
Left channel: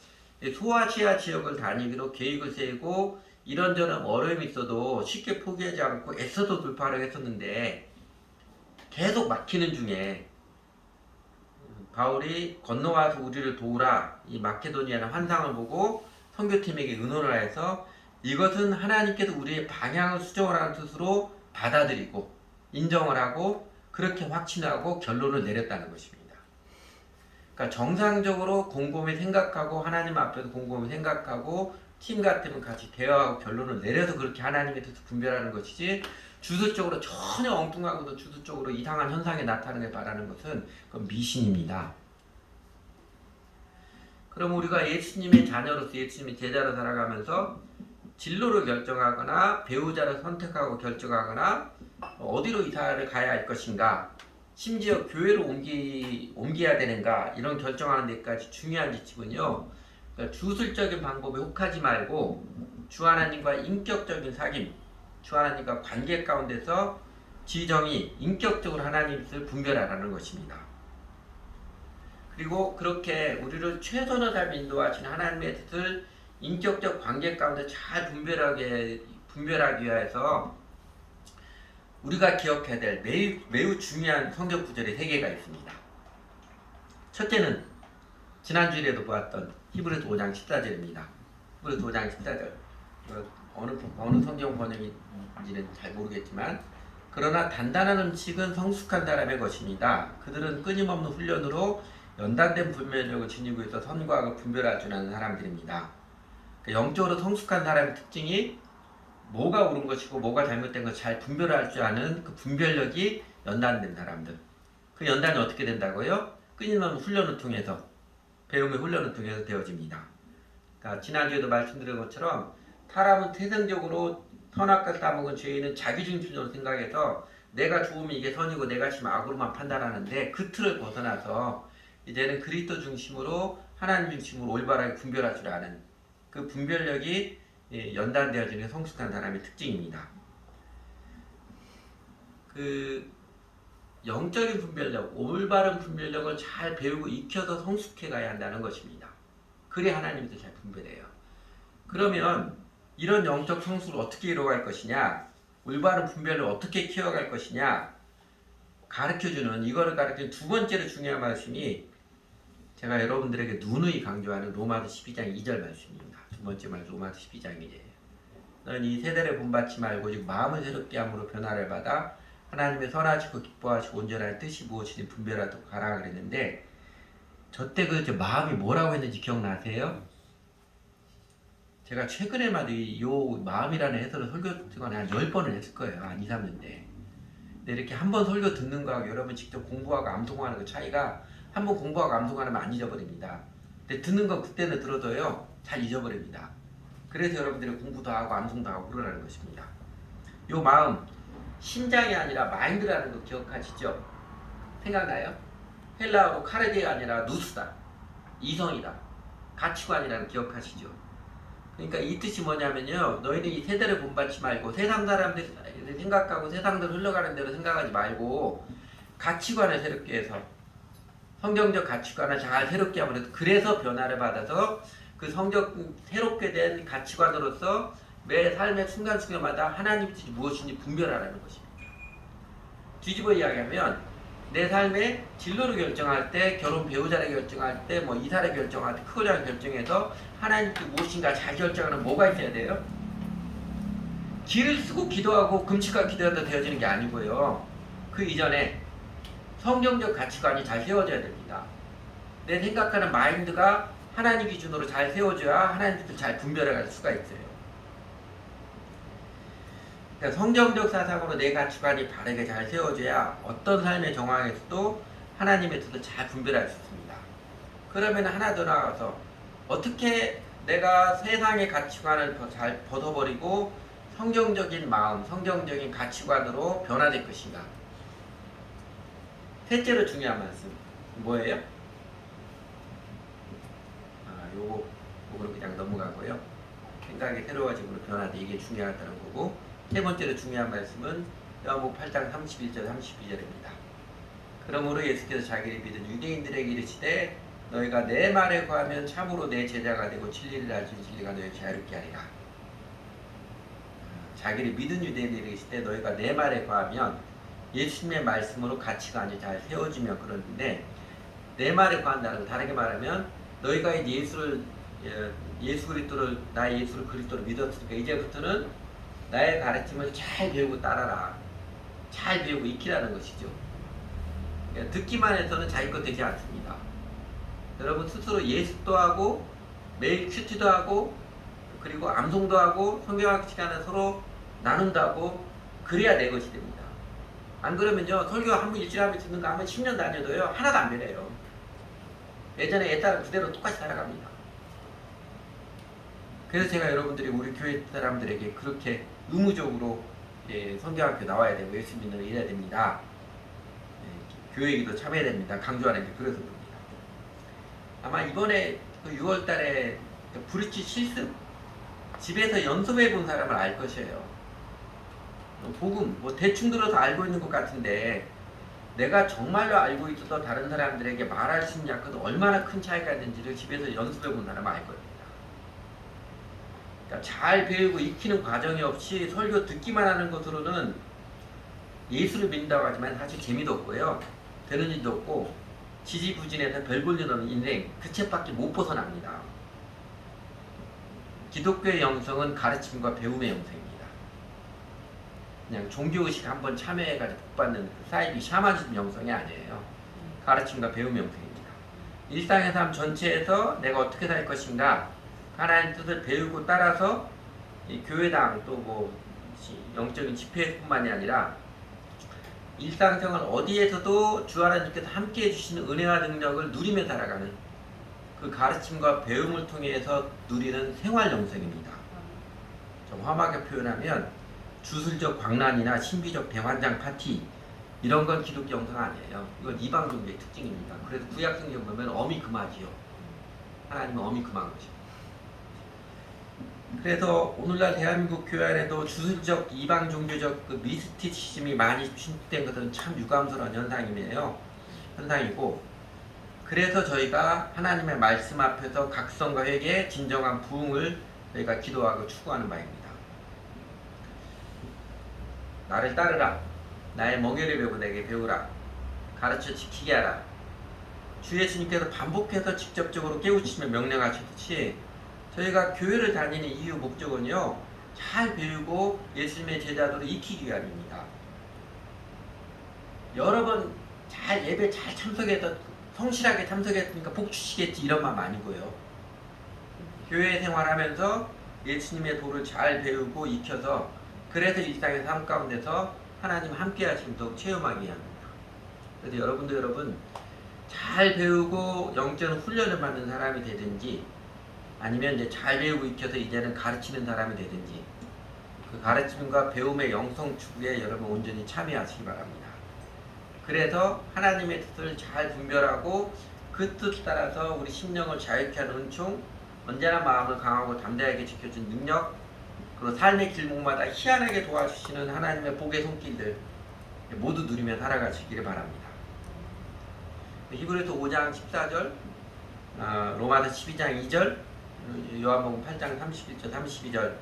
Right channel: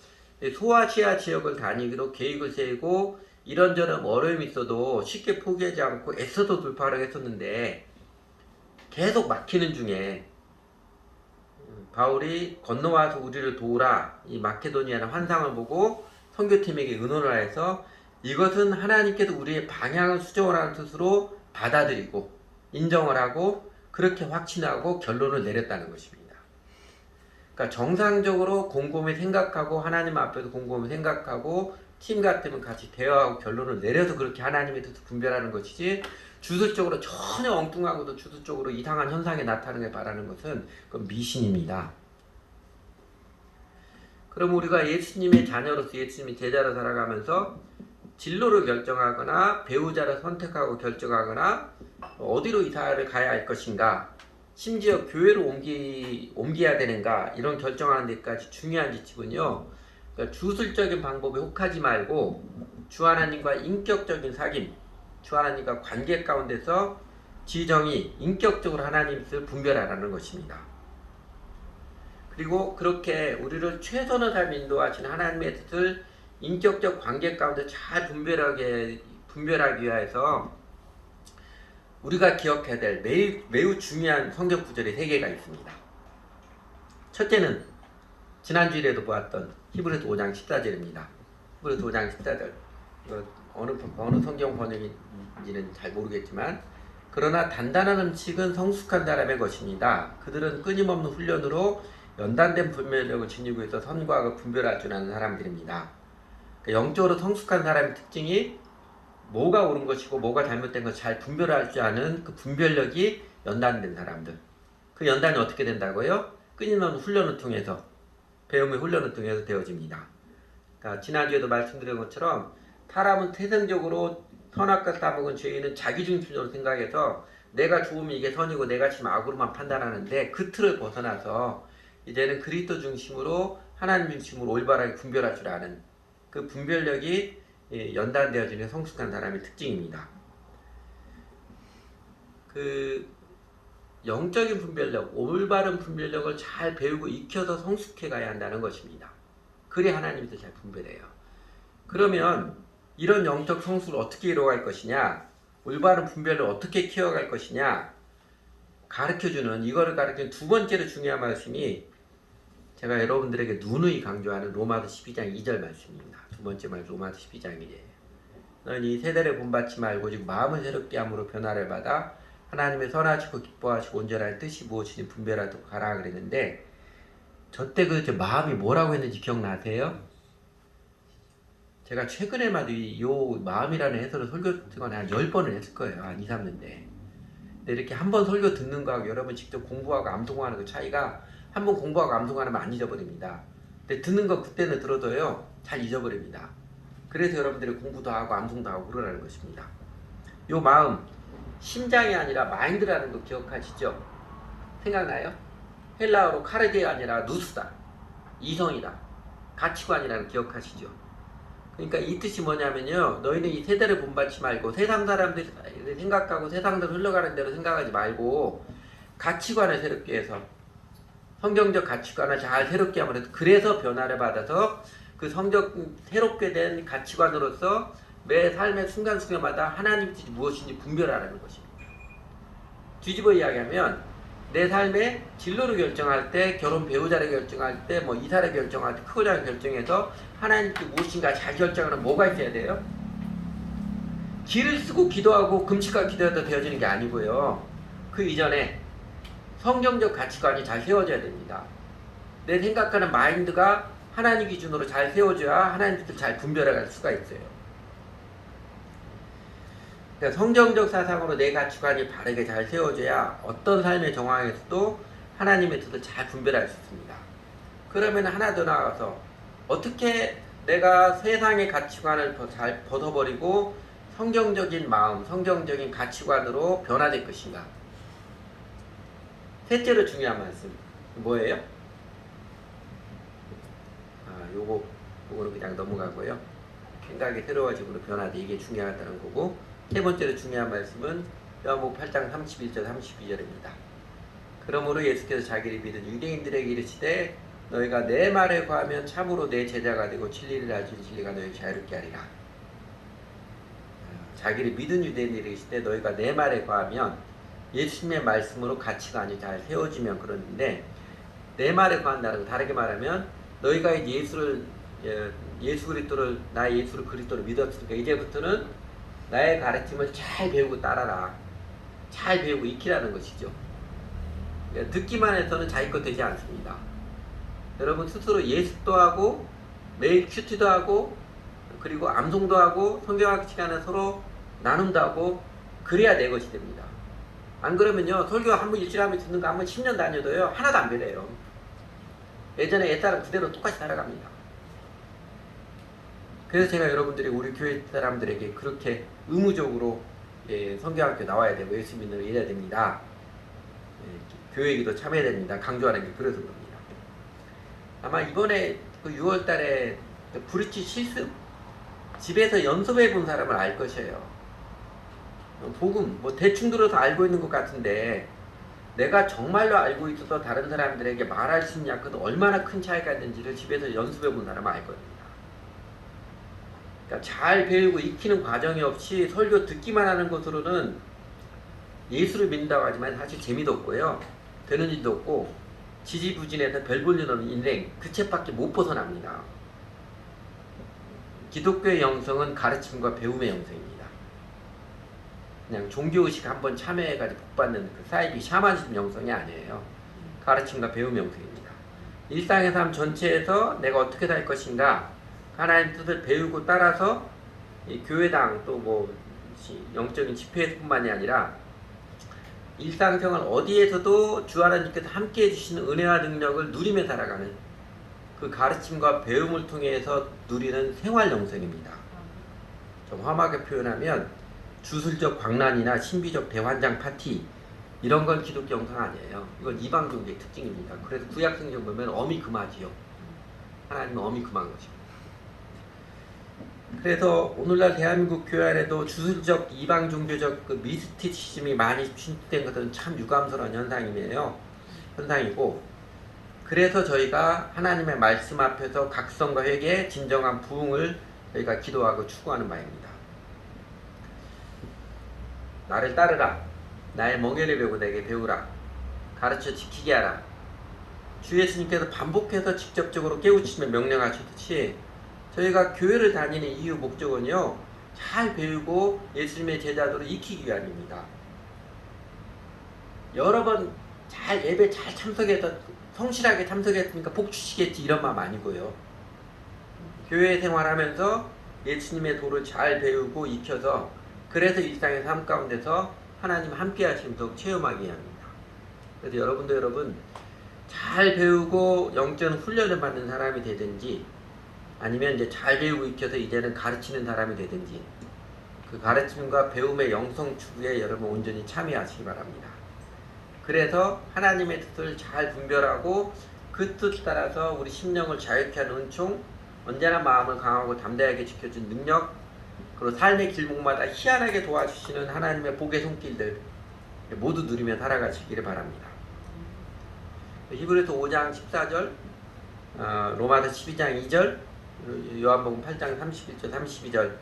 소아시아 지역을 다니기로 계획을 세우고 이런저런 어려움이 있어도 쉽게 포기하지 않고 애써서 돌파를 했었는데 계속 막히는 중에 바울이 건너와서 우리를 도우라, 이 마케도니아의 환상을 보고 선교팀에게 의논을 해서 이것은 하나님께서 우리의 방향을 수정하라는 뜻으로 받아들이고 인정을 하고 그렇게 확신하고 결론을 내렸다는 것입니다. 그러니까 정상적으로 곰곰이 생각하고 하나님 앞에서 곰곰이 생각하고 팀 같으면 같이 대화하고 결론을 내려서 그렇게 하나님의 뜻을 분별하는 것이지, 주술적으로 전혀 엉뚱하고도 주술적으로 이상한 현상이 나타나게 바라는 것은 그건 미신입니다. 그럼 우리가 예수님의 자녀로서 예수님의 제자로 살아가면서 진로를 결정하거나 배우자를 선택하고 결정하거나 어디로 이사를 가야 할 것인가, 심지어 교회로 옮겨야 되는가, 이런 결정하는 데까지 중요한 지침은요, 그러니까 주술적인 방법에 혹하지 말고 주 하나님과 인격적인 사귐, 주 하나님과 관계 가운데서 지정이 인격적으로 하나님의 뜻을 분별하라는 것입니다. 그리고 그렇게 우리를 최선의 삶에 인도하시는 하나님의 뜻을 인격적 관계 가운데 잘 분별하기 위해서 우리가 기억해야 될 매우 중요한 성경 구절이 3개가 있습니다. 첫째는 지난주일에도 보았던 히브리서 5장 14절입니다. 히브리서 5장 14절. 어느 성경 번역인지는 잘 모르겠지만, 그러나 단단한 음식은 성숙한 사람의 것입니다. 그들은 끊임없는 훈련으로 연단된 분별력을 지니고 있어 선과 악을 분별할 줄 아는 사람들입니다. 영적으로 성숙한 사람의 특징이 뭐가 옳은 것이고 뭐가 잘못된 것을 잘 분별할 줄 아는 그 분별력이 연단된 사람들. 그 연단이 어떻게 된다고요? 끊임없는 훈련을 통해서, 배움의 훈련을 통해서 되어집니다. 그러니까 지난주에도 말씀드린 것처럼 사람은 태생적으로 선악과 따먹은 죄인은 자기중심적으로 생각해서 내가 좋으면 이게 선이고 내가 지금 악으로만 판단하는데, 그 틀을 벗어나서 이제는 그리스도 중심으로 하나님 중심으로 올바르게 분별할 줄 아는 그 분별력이 연단되어지는 성숙한 사람의 특징입니다. 그 영적인 분별력, 올바른 분별력을 잘 배우고 익혀서 성숙해 가야 한다는 것입니다. 그래야 하나님도 잘 분별해요. 그러면 이런 영적 성숙을 어떻게 이루어갈 것이냐, 올바른 분별을 어떻게 키워갈 것이냐 가르쳐주는, 이거를 가르치는 두 번째로 중요한 말씀이 제가 여러분들에게 누누이 강조하는 로마서 12장 2절 말씀입니다. 두 번째 말 로마서 12장이에요. 너는 이 세대를 본받지 말고 즉 마음을 새롭게 함으로 변화를 받아 하나님의 선하시고 기뻐하시고 온전한 뜻이 무엇인지 분별하도록 가라 그랬는데, 저때 그 마음이 뭐라고 했는지 기억나세요? 제가 최근에만 이 마음이라는 해설을 설교 동안 한 10번을 했을 거예요. 한 2, 3년 때. 근데 이렇게 한 번 설교 듣는 거하고 여러분 직접 공부하고 암송하는 그 차이가, 한 번 공부하고 암송하면 안 잊어버립니다. 근데 듣는 거 그때는 들어도요 잘 잊어버립니다. 그래서 여러분들이 공부도 하고 암송도 하고 그러라는 것입니다. 요 마음, 심장이 아니라 마인드라는 거 기억하시죠? 생각나요? 헬라어로 카르디가 아니라 누스다. 이성이다. 가치관이라는 기억하시죠? 그러니까 이 뜻이 뭐냐면요. 너희는 이 세대를 본받지 말고 세상 사람들이 생각하고 세상대로 흘러가는 대로 생각하지 말고 가치관을 새롭게 해서 성경적 가치관을 잘 새롭게 하면 그래서 변화를 받아서 그 새롭게 된 가치관으로서 매 삶의 순간순간마다 하나님 뜻이 무엇인지 분별하라는 것입니다. 뒤집어 이야기하면 내 삶의 진로를 결정할 때, 결혼 배우자를 결정할 때, 뭐 이사를 결정할 때, 크고자를 결정해서 하나님 뜻이 무엇인가 잘 결정하는 뭐가 있어야 돼요? 길을 쓰고 기도하고 금식과 기도해도 되어지는 게 아니고요. 그 이전에 성경적 가치관이 잘 세워져야 됩니다. 내 생각하는 마인드가 하나님 기준으로 잘 세워져야 하나님 뜻을 잘 분별할 수가 있어요. 그러니까 성경적 사상으로 내 가치관이 바르게 잘 세워져야 어떤 삶의 정황에서도 하나님의 뜻을 잘 분별할 수 있습니다. 그러면 하나 더 나아가서 어떻게 내가 세상의 가치관을 더 잘 벗어버리고 성경적인 마음, 성경적인 가치관으로 변화될 것인가? 셋째로 중요한 말씀 뭐예요? 요거는 그냥 넘어가고요. 생각이 새로워짐으로 변화돼 이게 중요하다는 거고, 세 번째로 중요한 말씀은 요한복음 8장 31절 32절입니다. 그러므로 예수께서 자기를 믿은 유대인들에게 이르시되 너희가 내 말에 거하면 참으로 내 제자가 되고 진리를 알지니 진리가 너희를 자유롭게 하리라. 자기를 믿은 유대인들에게 이르시되 너희가 내 말에 거하면 예수님의 말씀으로 가치관이 잘 세워지면 그러는데, 내 말에 거한다는 거 다르게 말하면 너희가 예수 그리스도를 나의 예수를 그리스도를 믿었으니까 이제부터는 나의 가르침을 잘 배우고 따라라. 잘 배우고 익히라는 것이죠. 그러니까 듣기만 해서는 자기 것 되지 않습니다. 여러분 스스로 예습도 하고 매일 큐티도 하고 그리고 암송도 하고 성경학 시간에 서로 나눔도 하고 그래야 내 것이 됩니다. 안 그러면요, 설교 한번 일주일에 한번 듣는 거 한번 10년 다녀도요 하나도 안 변해요. 예전에 옛사람 그대로 똑같이 살아갑니다. 그래서 제가 여러분들이 우리 교회 사람들에게 그렇게 의무적으로 성경학교 나와야 되고 예수 믿는 걸 이래야 됩니다. 교회기도 참여해야 됩니다. 강조하는 게 그래서 그럽니다. 아마 이번에 그 6월달에 브리치 실습 집에서 연습해 본 사람은 알 것이에요. 복음 뭐 대충 들어서 알고 있는 것 같은데 내가 정말로 알고 있어서 다른 사람들에게 말할 수 있냐, 그 얼마나 큰 차이가 있는지를 집에서 연습해 본 사람은 알 거예요. 그러니까 잘 배우고 익히는 과정이 없이 설교 듣기만 하는 것으로는 예수를 믿는다고 하지만 사실 재미도 없고요, 되는 일도 없고 지지부진해서 별 볼 일 없는 인생 그 책밖에 못 벗어납니다. 기독교의 영성은 가르침과 배움의 영성입니다. 그냥 종교의식 한번 참여해가지고 복받는 그 사이비 샤머니즘 영성이 아니에요. 가르침과 배움 영성입니다. 일상의 삶 전체에서 내가 어떻게 살 것인가, 하나님 뜻을 배우고 따라서 이 교회당 또 뭐 영적인 집회뿐만이 아니라 일상생활 어디에서도 주 하나님께서 함께 해주시는 은혜와 능력을 누리며 살아가는 그 가르침과 배움을 통해서 누리는 생활 영성입니다. 좀 험하게 표현하면 주술적 광란이나 신비적 대환장 파티 이런 건 기독교 영성 아니에요. 이건 이방 종교의 특징입니다. 그래서 구약 성경 보면 어미 금하지요. 하나님은 어미 금한 것입니다. 그래서 오늘날 대한민국 교회 안에도 주술적 이방 종교적 그 미스티시즘이 많이 침투된 것은 참 유감스러운 현상이고, 그래서 저희가 하나님의 말씀 앞에서 각성과 회개, 진정한 부흥을 저희가 기도하고 추구하는 바입니다. 나를 따르라. 나의 멍에를 배우고 내게 배우라. 가르쳐 지키게 하라. 주 예수님께서 반복해서 직접적으로 깨우치며 명령하시듯이 저희가 교회를 다니는 이유 목적은요, 잘 배우고 예수님의 제자들로 익히기 위함입니다. 여러 번 잘 예배 잘 참석해서 성실하게 참석했으니까 복 주시겠지 이런 마음 아니고요. 교회 생활하면서 예수님의 도를 잘 배우고 익혀서 그래서 일상의 삶 가운데서 하나님 함께 하시는 더 체험하게 합니다. 그래서 여러분 잘 배우고 영적 훈련을 받는 사람이 되든지 아니면 이제 잘 배우고 익혀서 이제는 가르치는 사람이 되든지 그 가르침과 배움의 영성 추구에 여러분 온전히 참여하시기 바랍니다. 그래서 하나님의 뜻을 잘 분별하고 그 뜻 따라서 우리 심령을 자유케 하는 은총, 언제나 마음을 강하고 담대하게 지켜준 능력, 그리고 삶의 길목마다 희한하게 도와주시는 하나님의 복의 손길들 모두 누리며 살아가시기를 바랍니다. 히브리서 5장 14절, 로마서 12장 2절, 요한복음 8장 31절, 32절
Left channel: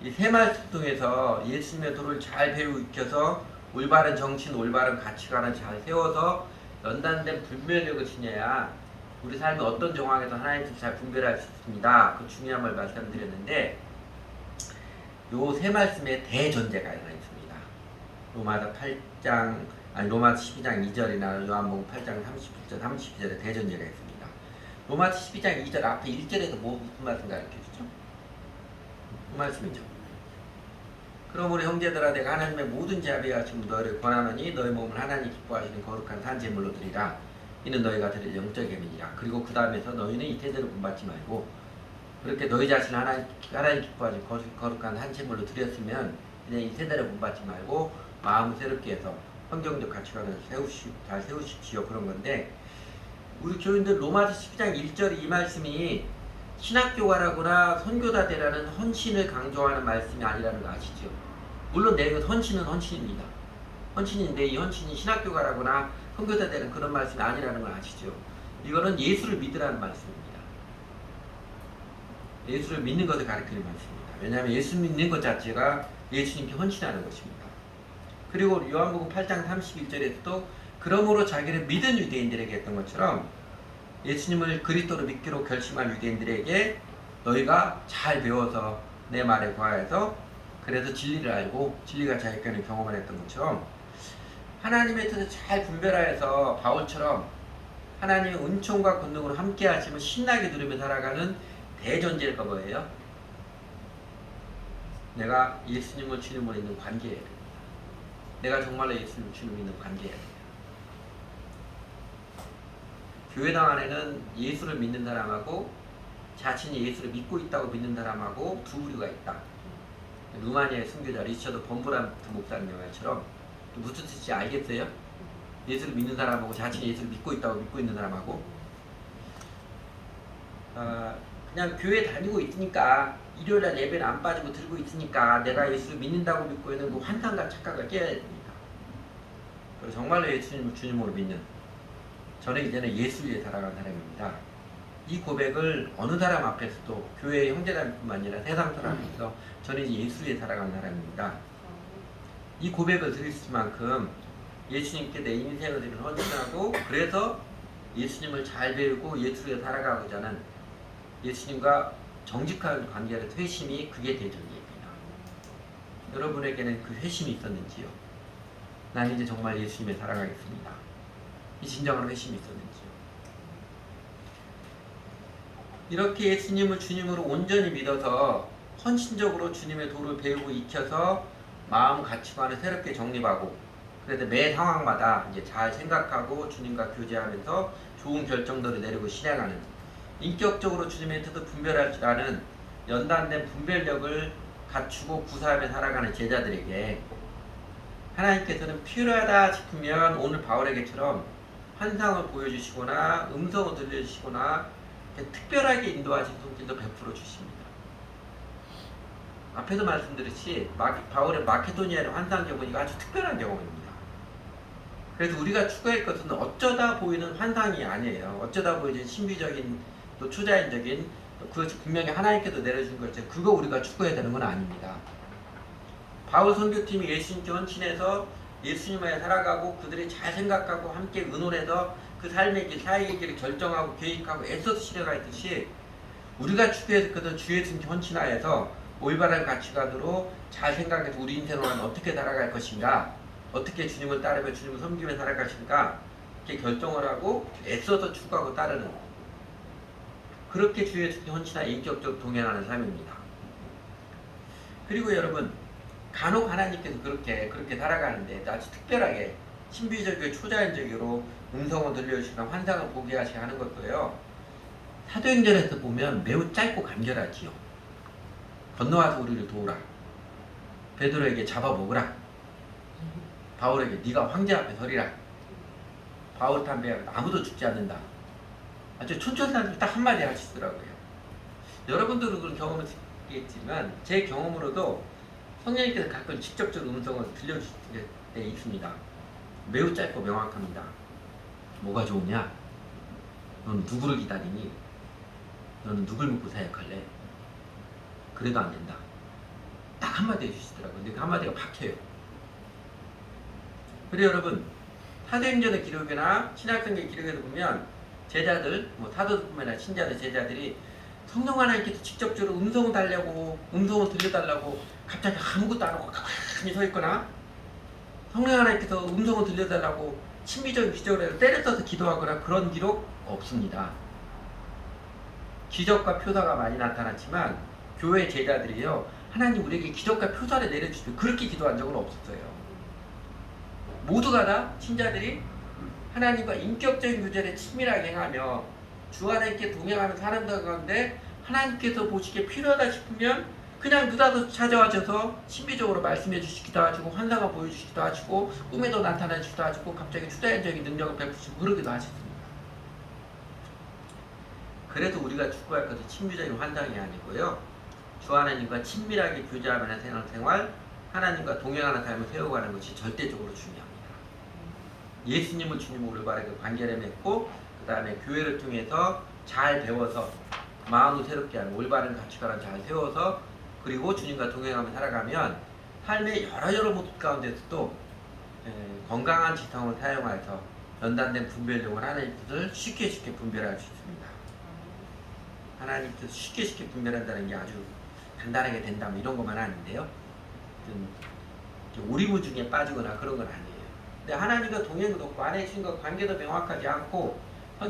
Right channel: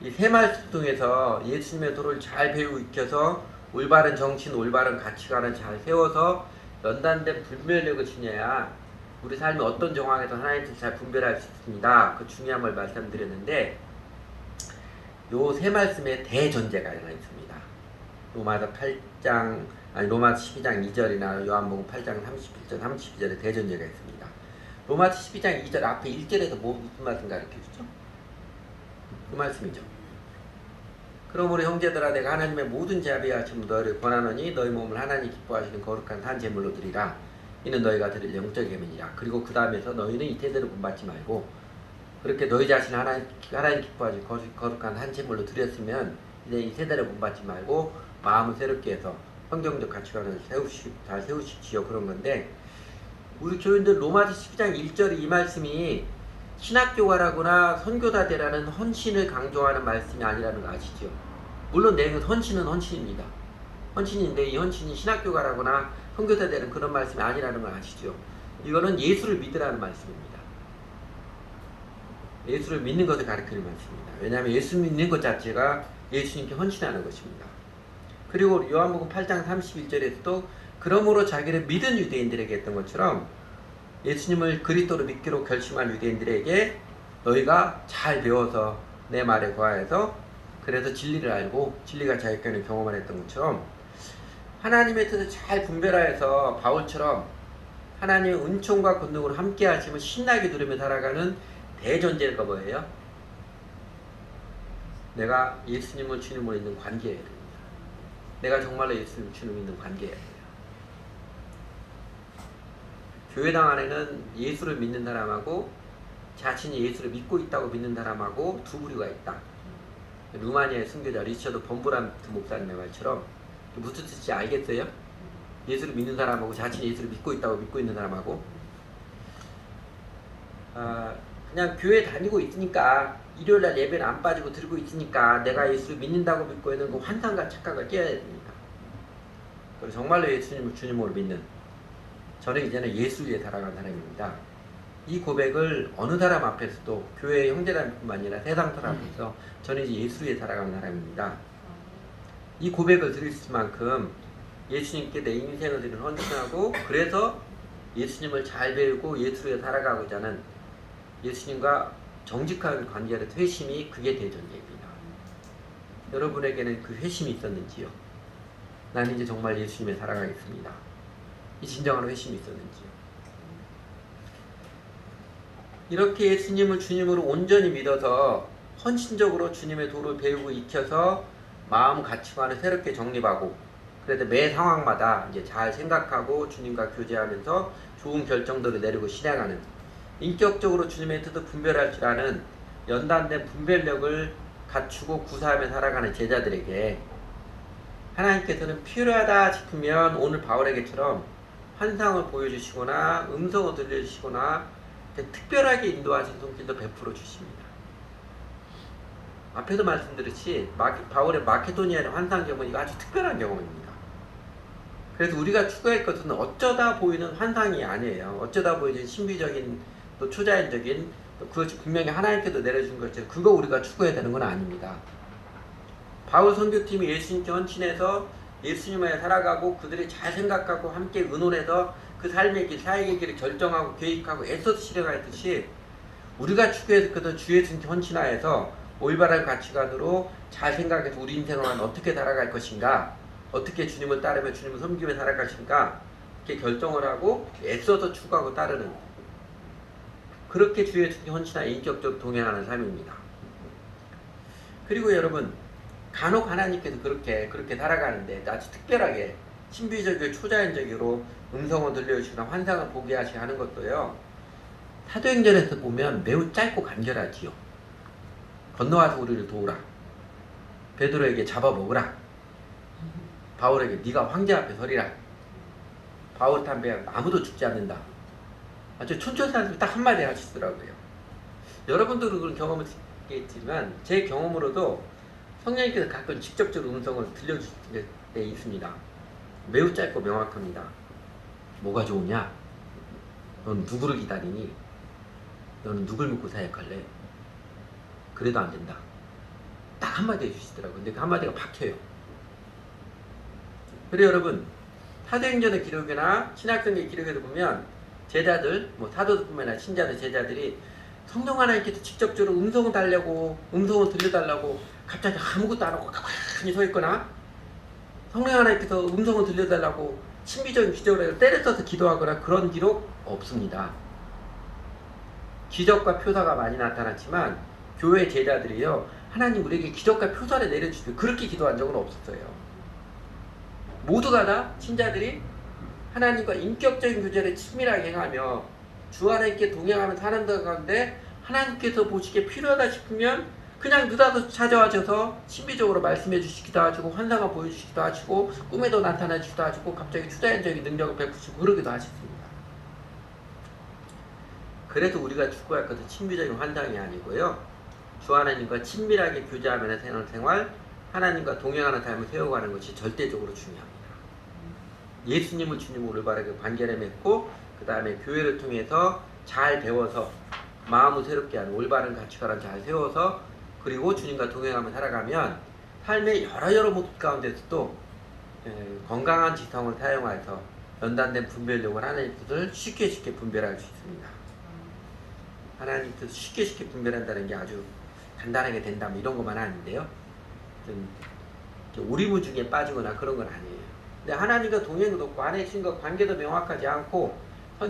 이 세 말씀 통해서 예수님의 도를 잘 배우고 익혀서 올바른 정신, 올바른 가치관을 잘 세워서 연단된 분별력을 지녀야 우리 삶의 어떤 정황에서 하나님의 뜻을 잘 분별할 수 있습니다. 그 중요한 걸 말씀드렸는데 요 세 말씀에 대전제가 하나 있습니다. 로마서 12장 2절이나 요한복음 8장 31절, 32절에 대전제가 있습니다. 로마서 12장 2절 앞에 1절에서 무슨 말씀 가르쳐주죠? 그 말씀이죠. 그러므로 형제들아 내가 하나님의 모든 자비하심으로 너희를 권하노니 너희 몸을 하나님 기뻐하시는 거룩한 산 제물로 드리라. 이는 너희가 드릴 영적 예물이라. 그리고 그 다음에서 너희는 이 태도를 본받지 말고 그렇게 너희 자신을 하나님 기뻐하시는 거룩한 한 제물로 드렸으면 이제 이 세대를 본받지 말고 마음을 새롭게 해서 성경적 가치관을 잘 세우십시오. 그런 건데 우리 교인들 로마서 12장 1절 이 말씀이 신학교가라거나 선교사되라는 헌신을 강조하는 말씀이 아니라는 거 아시죠? 물론 내 헌신은 헌신입니다. 헌신인데 이 헌신이 신학교가라거나 선교사되는 그런 말씀이 아니라는 걸 아시죠? 이거는 예수를 믿으라는 말씀입니다. 예수를 믿는 것을 가르치는 말씀입니다. 왜냐하면 예수 믿는 것 자체가 예수님께 헌신하는 것입니다. 그리고 요한복음 8장 31절에서도 그러므로 자기를 믿은 유대인들에게 했던 것처럼 예수님을 그리스도로 믿기로 결심한 유대인들에게 너희가 잘 배워서 내 말에 거하여서 그래서 진리를 알고 진리가 자유케 하는 경험을 했던 것처럼 하나님의 뜻을 잘 분별하여서 바울처럼 하나님의 은총과 권능으로 함께 하시면 신나게 누리며 살아가는 대전제가 뭐예요? 내가 예수님을 주님으로 있는 관계예요. 내가 정말로 예수님을 주님으로 있는 관계예요. 교회당 안에는 예수를 믿는 사람하고 자신이 예수를 믿고 있다고 믿는 사람하고 두 부류가 있다. 루마니아의 순교자 리처드 범브란트 목사님의 말처럼 무슨 뜻인지 알겠어요? 예수를 믿는 사람하고 자신이 예수를 믿고 있다고 믿고 있는 사람하고 그냥 교회 다니고 있으니까 일요일날 예배를 안 빠지고 들고 있으니까 내가 예수를 믿는다고 믿고 있는 그 환상과 착각을 깨야 됩니다. 그리고 정말로 예수님을 주님으로 믿는 저는 이제는 예수 위에 살아가는 사람입니다. 이 고백을 어느 사람 앞에서도 교회 형제단뿐만 아니라 세상 사람 앞에서 저는 이제 예수 위에 살아가는 사람입니다. 이 고백을 드릴 만큼 예수님께 내 인생을 드리는 헌신하고 그래서 예수님을 잘 배우고 예수 위에 살아가고자 하는 예수님과 정직한 관계의 회심이 그게 대전제입니다. 여러분에게는 그 회심이 있었는지요? 나는 이제 정말 예수님에 살아가겠습니다. 이 진정한 회심이 있었는지요? 이렇게 예수님을 주님으로 온전히 믿어서 헌신적으로 주님의 도를 배우고 익혀서 마음 가치관을 새롭게 정립하고 그래서 매 상황마다 이제 잘 생각하고 주님과 교제하면서 좋은 결정들을 내리고 실행하는 인격적으로 주님의 뜻을 분별할 줄 아는 연단된 분별력을 갖추고 구사하며 살아가는 제자들에게 하나님께서는 필요하다 싶으면 오늘 바울에게처럼 환상을 보여주시거나 음성을 들려주시거나 특별하게 인도하신 손길도 베풀어 주십니다. 앞에도 말씀드렸듯이 바울의 마케도니아의 환상 경험이 아주 특별한 경험입니다. 그래서 우리가 추구할 것은 어쩌다 보이는 환상이 아니에요. 어쩌다 보이는 신비적인 또 초자연적인 또 그것이 분명히 하나님께서 내려준 것처럼 그거 우리가 추구해야 되는 건 아닙니다. 바울 선교팀이 예수님께 헌신해서 예수님을 살아가고 그들이 잘 생각하고 함께 의논해서 그 삶의 길, 사역의 길을 결정하고 계획하고 애써서 실행하듯이 우리가 추구해서 주 예수님께 헌신하여서 올바른 가치관으로 잘 생각해서 우리 인생을 어떻게 살아갈 것인가, 어떻게 주님을 따르며 주님을 섬기며 살아갈 것인가 이렇게 결정을 하고 애써서 추구하고 따르는 그렇게 주 예수님께 헌신하여 인격적으로 동행하는 삶입니다. 그리고 여러분 간혹 하나님께서 그렇게 살아가는데 아주 특별하게 신비적이고 초자연적으로 음성을 들려주시거나 환상을 보게 하시게 하는 것도요. 사도행전에서 보면 매우 짧고 간결하지요. 건너와서 우리를 도우라. 베드로에게 잡아먹으라. 바울에게 네가 황제 앞에 서리라. 바울 담배 아무도 죽지 않는다. 아주 촌철살인 딱 한마디 하시더라고요. 여러분들은 그런 경험을 듣겠지만 제 경험으로도 성령님께서 가끔 직접적으로 음성을 들려주실 때 있습니다. 매우 짧고 명확합니다. 뭐가 좋으냐? 너는 누구를 기다리니? 너는 누굴 믿고 사역할래? 그래도 안 된다. 딱 한마디 해주시더라고요. 근데 그 한마디가 박혀요. 그래 여러분, 사도행전의 기록이나 신약성경 기록에도 보면 제자들, 뭐 사도들뿐만 아니라 신자들, 제자들이 성령 하나님께서 직접적으로 음성을 달라고, 음성을 들려달라고 갑자기 아무것도 안 하고 가만히 서 있거나, 성령 하나님께서 음성을 들려달라고 신비적인 기적을 때려써서 기도하거나 그런 기록 없습니다. 기적과 표사가 많이 나타났지만 교회 제자들이요, 하나님 우리에게 기적과 표사를 내려주시고 그렇게 기도한 적은 없었어요. 모두가 다 신자들이 하나님과 인격적인 교제를 친밀하게 행하며 주 하나님께 동행하는 사람들 가운데 하나님께서 보시기에 필요하다 싶으면 그냥 느닷없이 찾아와셔서 신비적으로 말씀해 주시기도 하시고 환상을 보여주시기도 하시고 꿈에도 나타나 주시기도 하시고 갑자기 투자적인 능력을 베푸시고 그러기도 하셨습니다. 그래서 우리가 추구할 것은 친밀적인 환상이 아니고요, 주 하나님과 친밀하게 교제하면서 사는 생활, 하나님과 동행하는 삶을 세워가는 것이 절대적으로 중요합니다. 예수님을 주님으로 올바르게 관계를 맺고 그 다음에 교회를 통해서 잘 배워서 마음을 새롭게 하는 올바른 가치관을 잘 세워서 그리고 주님과 동행하며 살아가면 삶의 여러 모습 가운데서도 건강한 지성을 사용해서 연단된 분별력을 하나님께서 쉽게 분별할 수 있습니다. 하나님께서 쉽게 분별한다는 게 아주 간단하게 된다 뭐 이런 것만 하는데요, 오리무중에 빠지거나 그런 건 아니에요. 근데 하나님과 동행도 없고 안에 주님과 관계도 명확하지 않고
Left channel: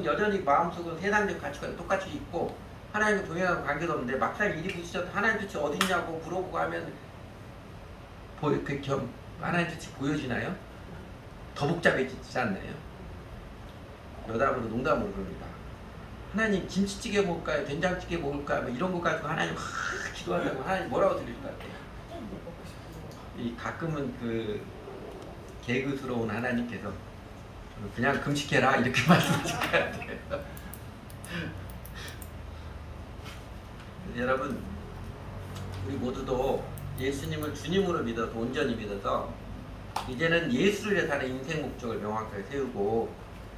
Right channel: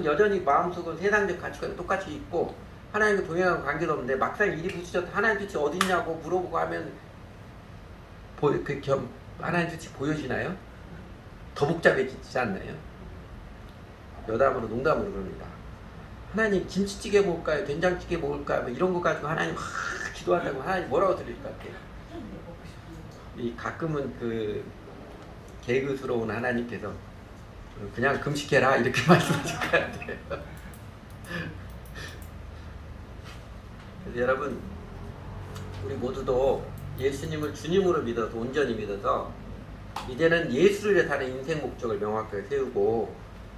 여전히 마음속은 세상적 가치관이 똑같이 있고 하나님과 동행하는 관계도 없는데 막상 일이 부딪혀서 하나님 뜻이 어딨냐고 물어보고 하면 하나님 뜻이 보여지나요? 더 복잡해지지 않나요? 여담으로 농담으로 그럽니다. 하나님 김치찌개 먹을까요? 된장찌개 먹을까요? 뭐 이런 거 가지고 하나님 기도한다고 하나님 뭐라고 들릴 것 같아요? 이 가끔은 그 개그스러운 하나님께서 그냥 금식해라 이렇게 말씀하실 것 같아요. 여러분, 우리 모두도 예수님을 주님으로 믿어서 온전히 믿어서 이제는 예수를 위해 사는 인생 목적을 명확하게 세우고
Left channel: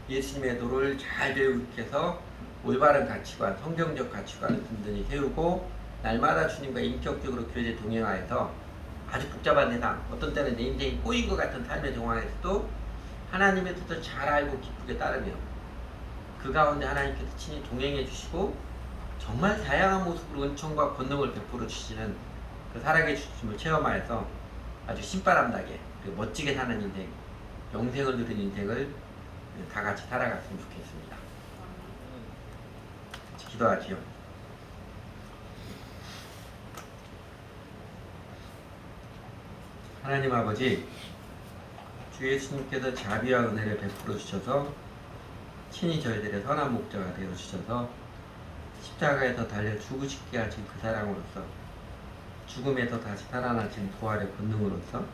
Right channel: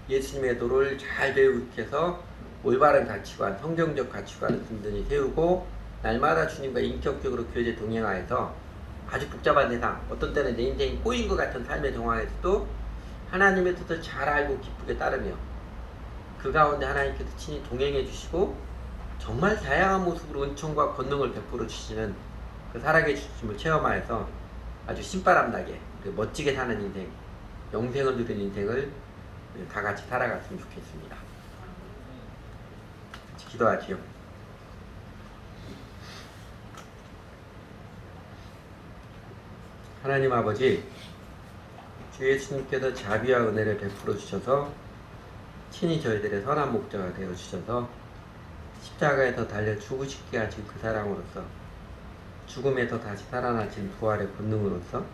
예수님의 도를 잘 배우해서 올바른 가치관, 성경적 가치관을 든든히 세우고 날마다 주님과 인격적으로 교제 동행하여서 아주 복잡한 세상, 어떤 때는 내 인생이 꼬인 것 같은 삶의 상황에서도 하나님의 뜻을 잘 알고 기쁘게 따르며 그 가운데 하나님께서 친히 동행해 주시고 정말 다양한 모습으로 은총과 권능을 베풀어 주시는 그 살아계심을 체험하여서 아주 신바람나게 멋지게 사는 인생, 영생을 누린 인생을 다 같이 살아갔으면 좋겠습니다. 기도하지요. 하나님 아버지, 주 예수님께서 자비와 은혜를 베풀어 주셔서 친히 저희들의 선한 목자가 되어 주셔서 십자가에서 달려 죽으시게 하신 그 사랑으로서 죽음에서 다시 살아나신 부활의 본능으로서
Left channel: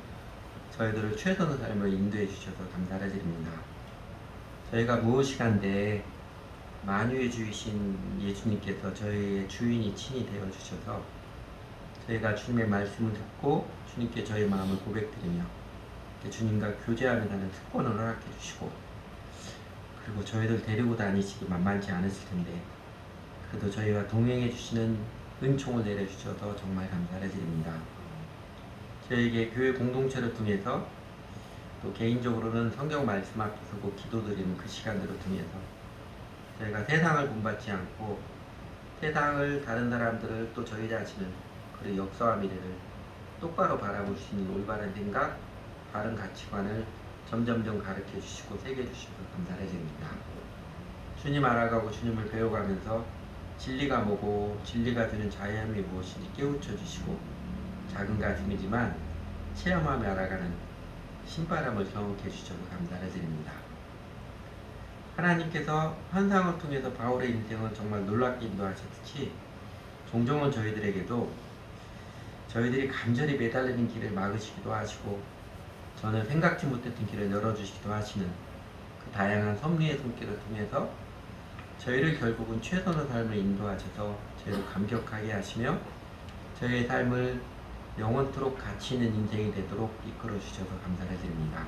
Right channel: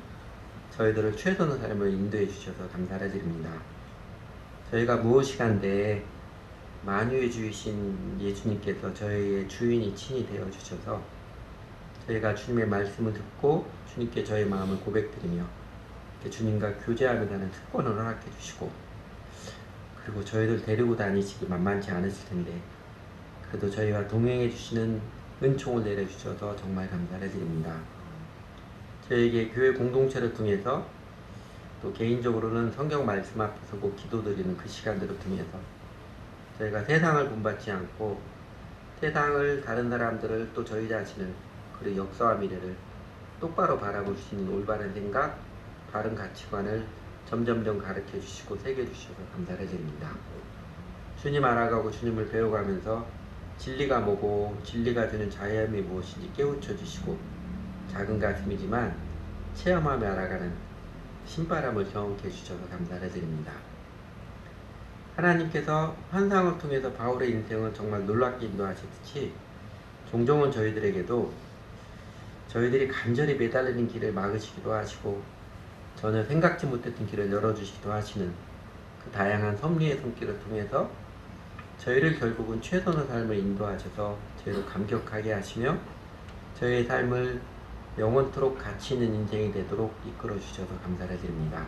저희들을 최선의 삶으로 인도해 주셔서 감사를 드립니다. 저희가 무엇이간데 만유의 주이신 예수님께서 저희의 주인이 친히 되어 주셔서 저희가 주님의 말씀을 듣고 주님께 저희 마음을 고백드리며 주님과 교제하며 사는 특권을 허락해 주시고 그리고 저희들 데리고 다니시기 만만치 않으실 텐데 그래도 저희와 동행해 주시는 은총을 내려주셔서 정말 감사를 드립니다. 저에게 교회 공동체를 통해서 또 개인적으로는 성경 말씀 앞에 서고 기도드리는 그 시간들을 통해서 저희가 세상을 본받지 않고 세상을, 다른 사람들을, 또 저희 자신을, 그리고 역사와 미래를 똑바로 바라볼 수 있는 올바른 생각, 바른 가치관을 점점점 가르쳐 주시고 새겨 주셔서 감사를 드립니다. 주님 알아가고 주님을 배워가면서 진리가 뭐고 진리가 주는 자유함이 무엇인지 깨우쳐 주시고 작은 가슴이지만 체험하며 알아가는 신바람을 경험해 주셔서 감사를 드립니다. 하나님께서 환상을 통해서 바울의 인생을 정말 놀랍게 인도하셨듯이 종종은 저희들에게도 저희들이 간절히 매달리는 길을 막으시기도 하시고 저는 생각지 못했던 길을 열어주시기도 하시는 그 다양한 섭리의 손길을 통해서 저희를 결국은 최선의 삶을 인도하셔서 저희를 감격하게 하시며 저희의 삶을 영원토록 가치 있는 인생이 되도록 이끌어 주셔서 감사를 드립니다.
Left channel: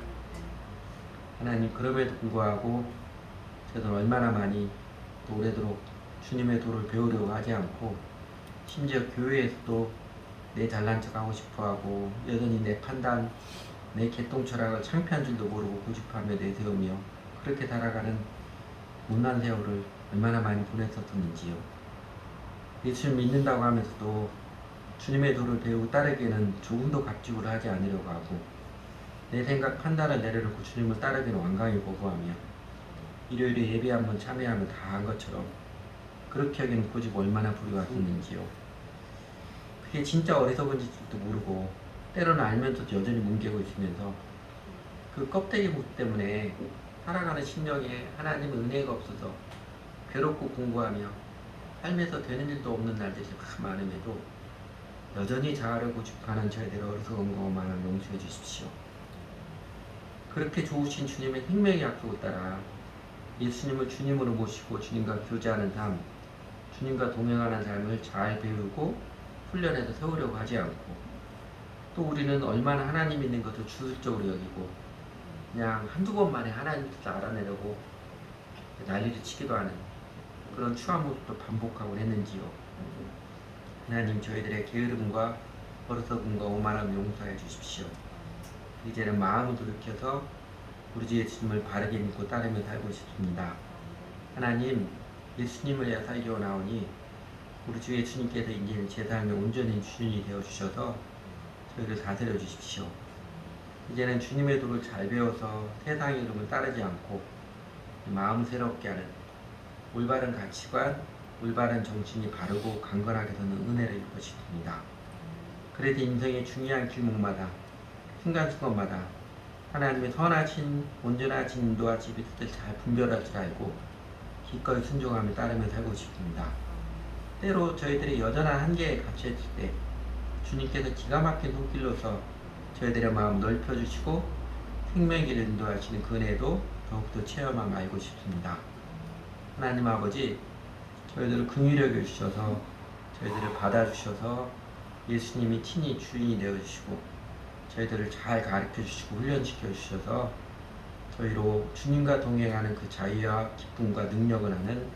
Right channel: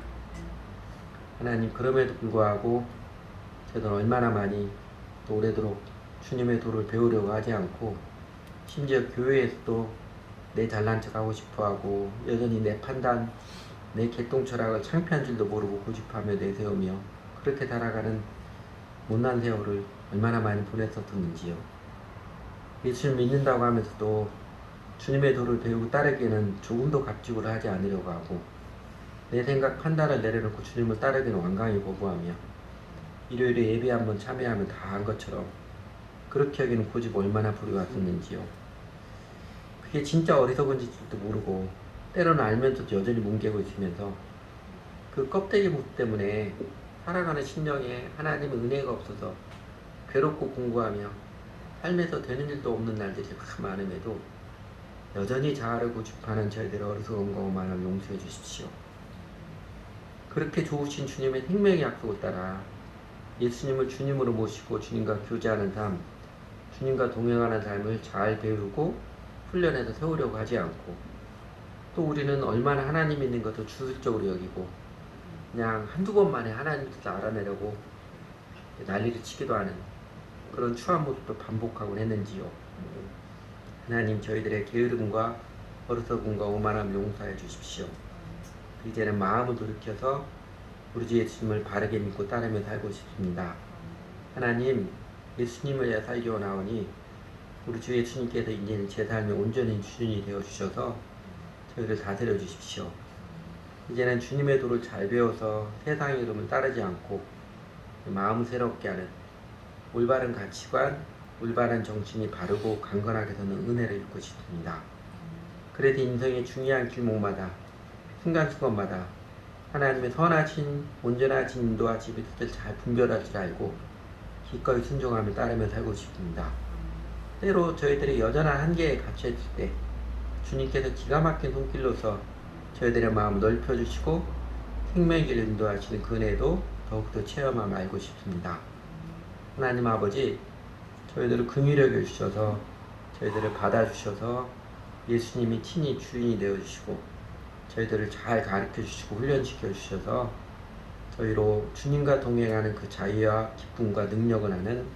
하나님, 그럼에도 불구하고 저는 얼마나 많이 또 오래도록 주님의 도를 배우려고 하지 않고 심지어 교회에서도 내 잘난 척하고 싶어하고 여전히 내 판단, 내 개똥 철학을 창피한 줄도 모르고 고집하며 내세우며 그렇게 살아가는 못난 세월을 얼마나 많이 보냈었는지요. 예수를 믿는다고 하면서도 주님의 도를 배우고 따르기에는 조금도 갑질을 하지 않으려고 하고 내 생각 판단을 내려놓고 주님을 따르기는 완강히 거부하며 일요일에 예배 한번 참여하면 다 한 것처럼 그렇게 여기는 고집 얼마나 부려왔었는지요. 그게 진짜 어리석은 짓일지도 모르고 때로는 알면서도 여전히 뭉개고 있으면서 그 껍데기 모습 때문에 살아가는 심령에 하나님의 은혜가 없어서 괴롭고 공고하며 삶에서 되는 일도 없는 날들이 많음에도 여전히 자아를 고집하는 저희들의 어리석은 거만을 용서해 주십시오. 그렇게 좋으신 주님의 생명의 약속을 따라 예수님을 주님으로 모시고 주님과 교제하는 삶, 주님과 동행하는 삶을 잘 배우고 훈련해서 세우려고 하지 않고 또 우리는 얼마나 하나님 있는 것을 주술적으로 여기고 그냥 한두 번만에 하나님 뜻을 알아내려고 난리를 치기도 하는 그런 추한 모습도 반복하곤 했는지요. 하나님, 저희들의 게으름과 어리석음과 오만함 용서해 주십시오. 이제는 마음을 돌이켜서 우리 주 예수님을 바르게 믿고 따르며 살고 싶습니다. 하나님, 예수님을 위해 살기 원하오니 우리 주 예수님께서 이제는 제 삶의 온전히 주인이 되어주셔서 저희를 다스려 주십시오. 이제는 주님의 도를 잘 배워서 세상의 이름을 따르지 않고 마음 새롭게 하는 올바른 가치관, 올바른 정신이 바르고 강건하게 서는 은혜를 입고 싶습니다. 그래도 인생의 중요한 길목마다 순간순간마다 하나님의 선하신 온전하신 인도하신 뜻을 잘 분별할 줄 알고 기꺼이 순종하며 따르며 살고 싶습니다. 때로 저희들이 여전한 한계에 갇혀있을 때 주님께서 기가 막힌 손길로서 저희들의 마음 넓혀주시고 생명의 길을 인도하시는 그 은혜도 더욱더 체험하며 알고 싶습니다. 하나님 아버지, 저희들을 긍휼히 여겨주셔서 저희들을 받아주셔서 예수님이 친히 주인이 되어주시고 저희들을 잘 가르쳐주시고 훈련시켜 주셔서 저희로 주님과 동행하는 그 자유와 기쁨과 능력을 아는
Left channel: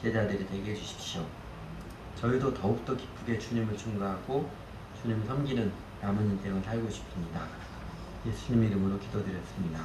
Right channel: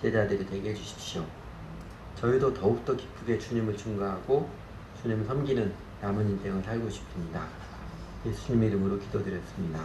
제자들이 되게 해주십시오. 저희도 더욱더 기쁘게 주님을 증거하고 주님을 섬기는 남은 인생을 살고 싶습니다. 예수님 이름으로 기도드렸습니다.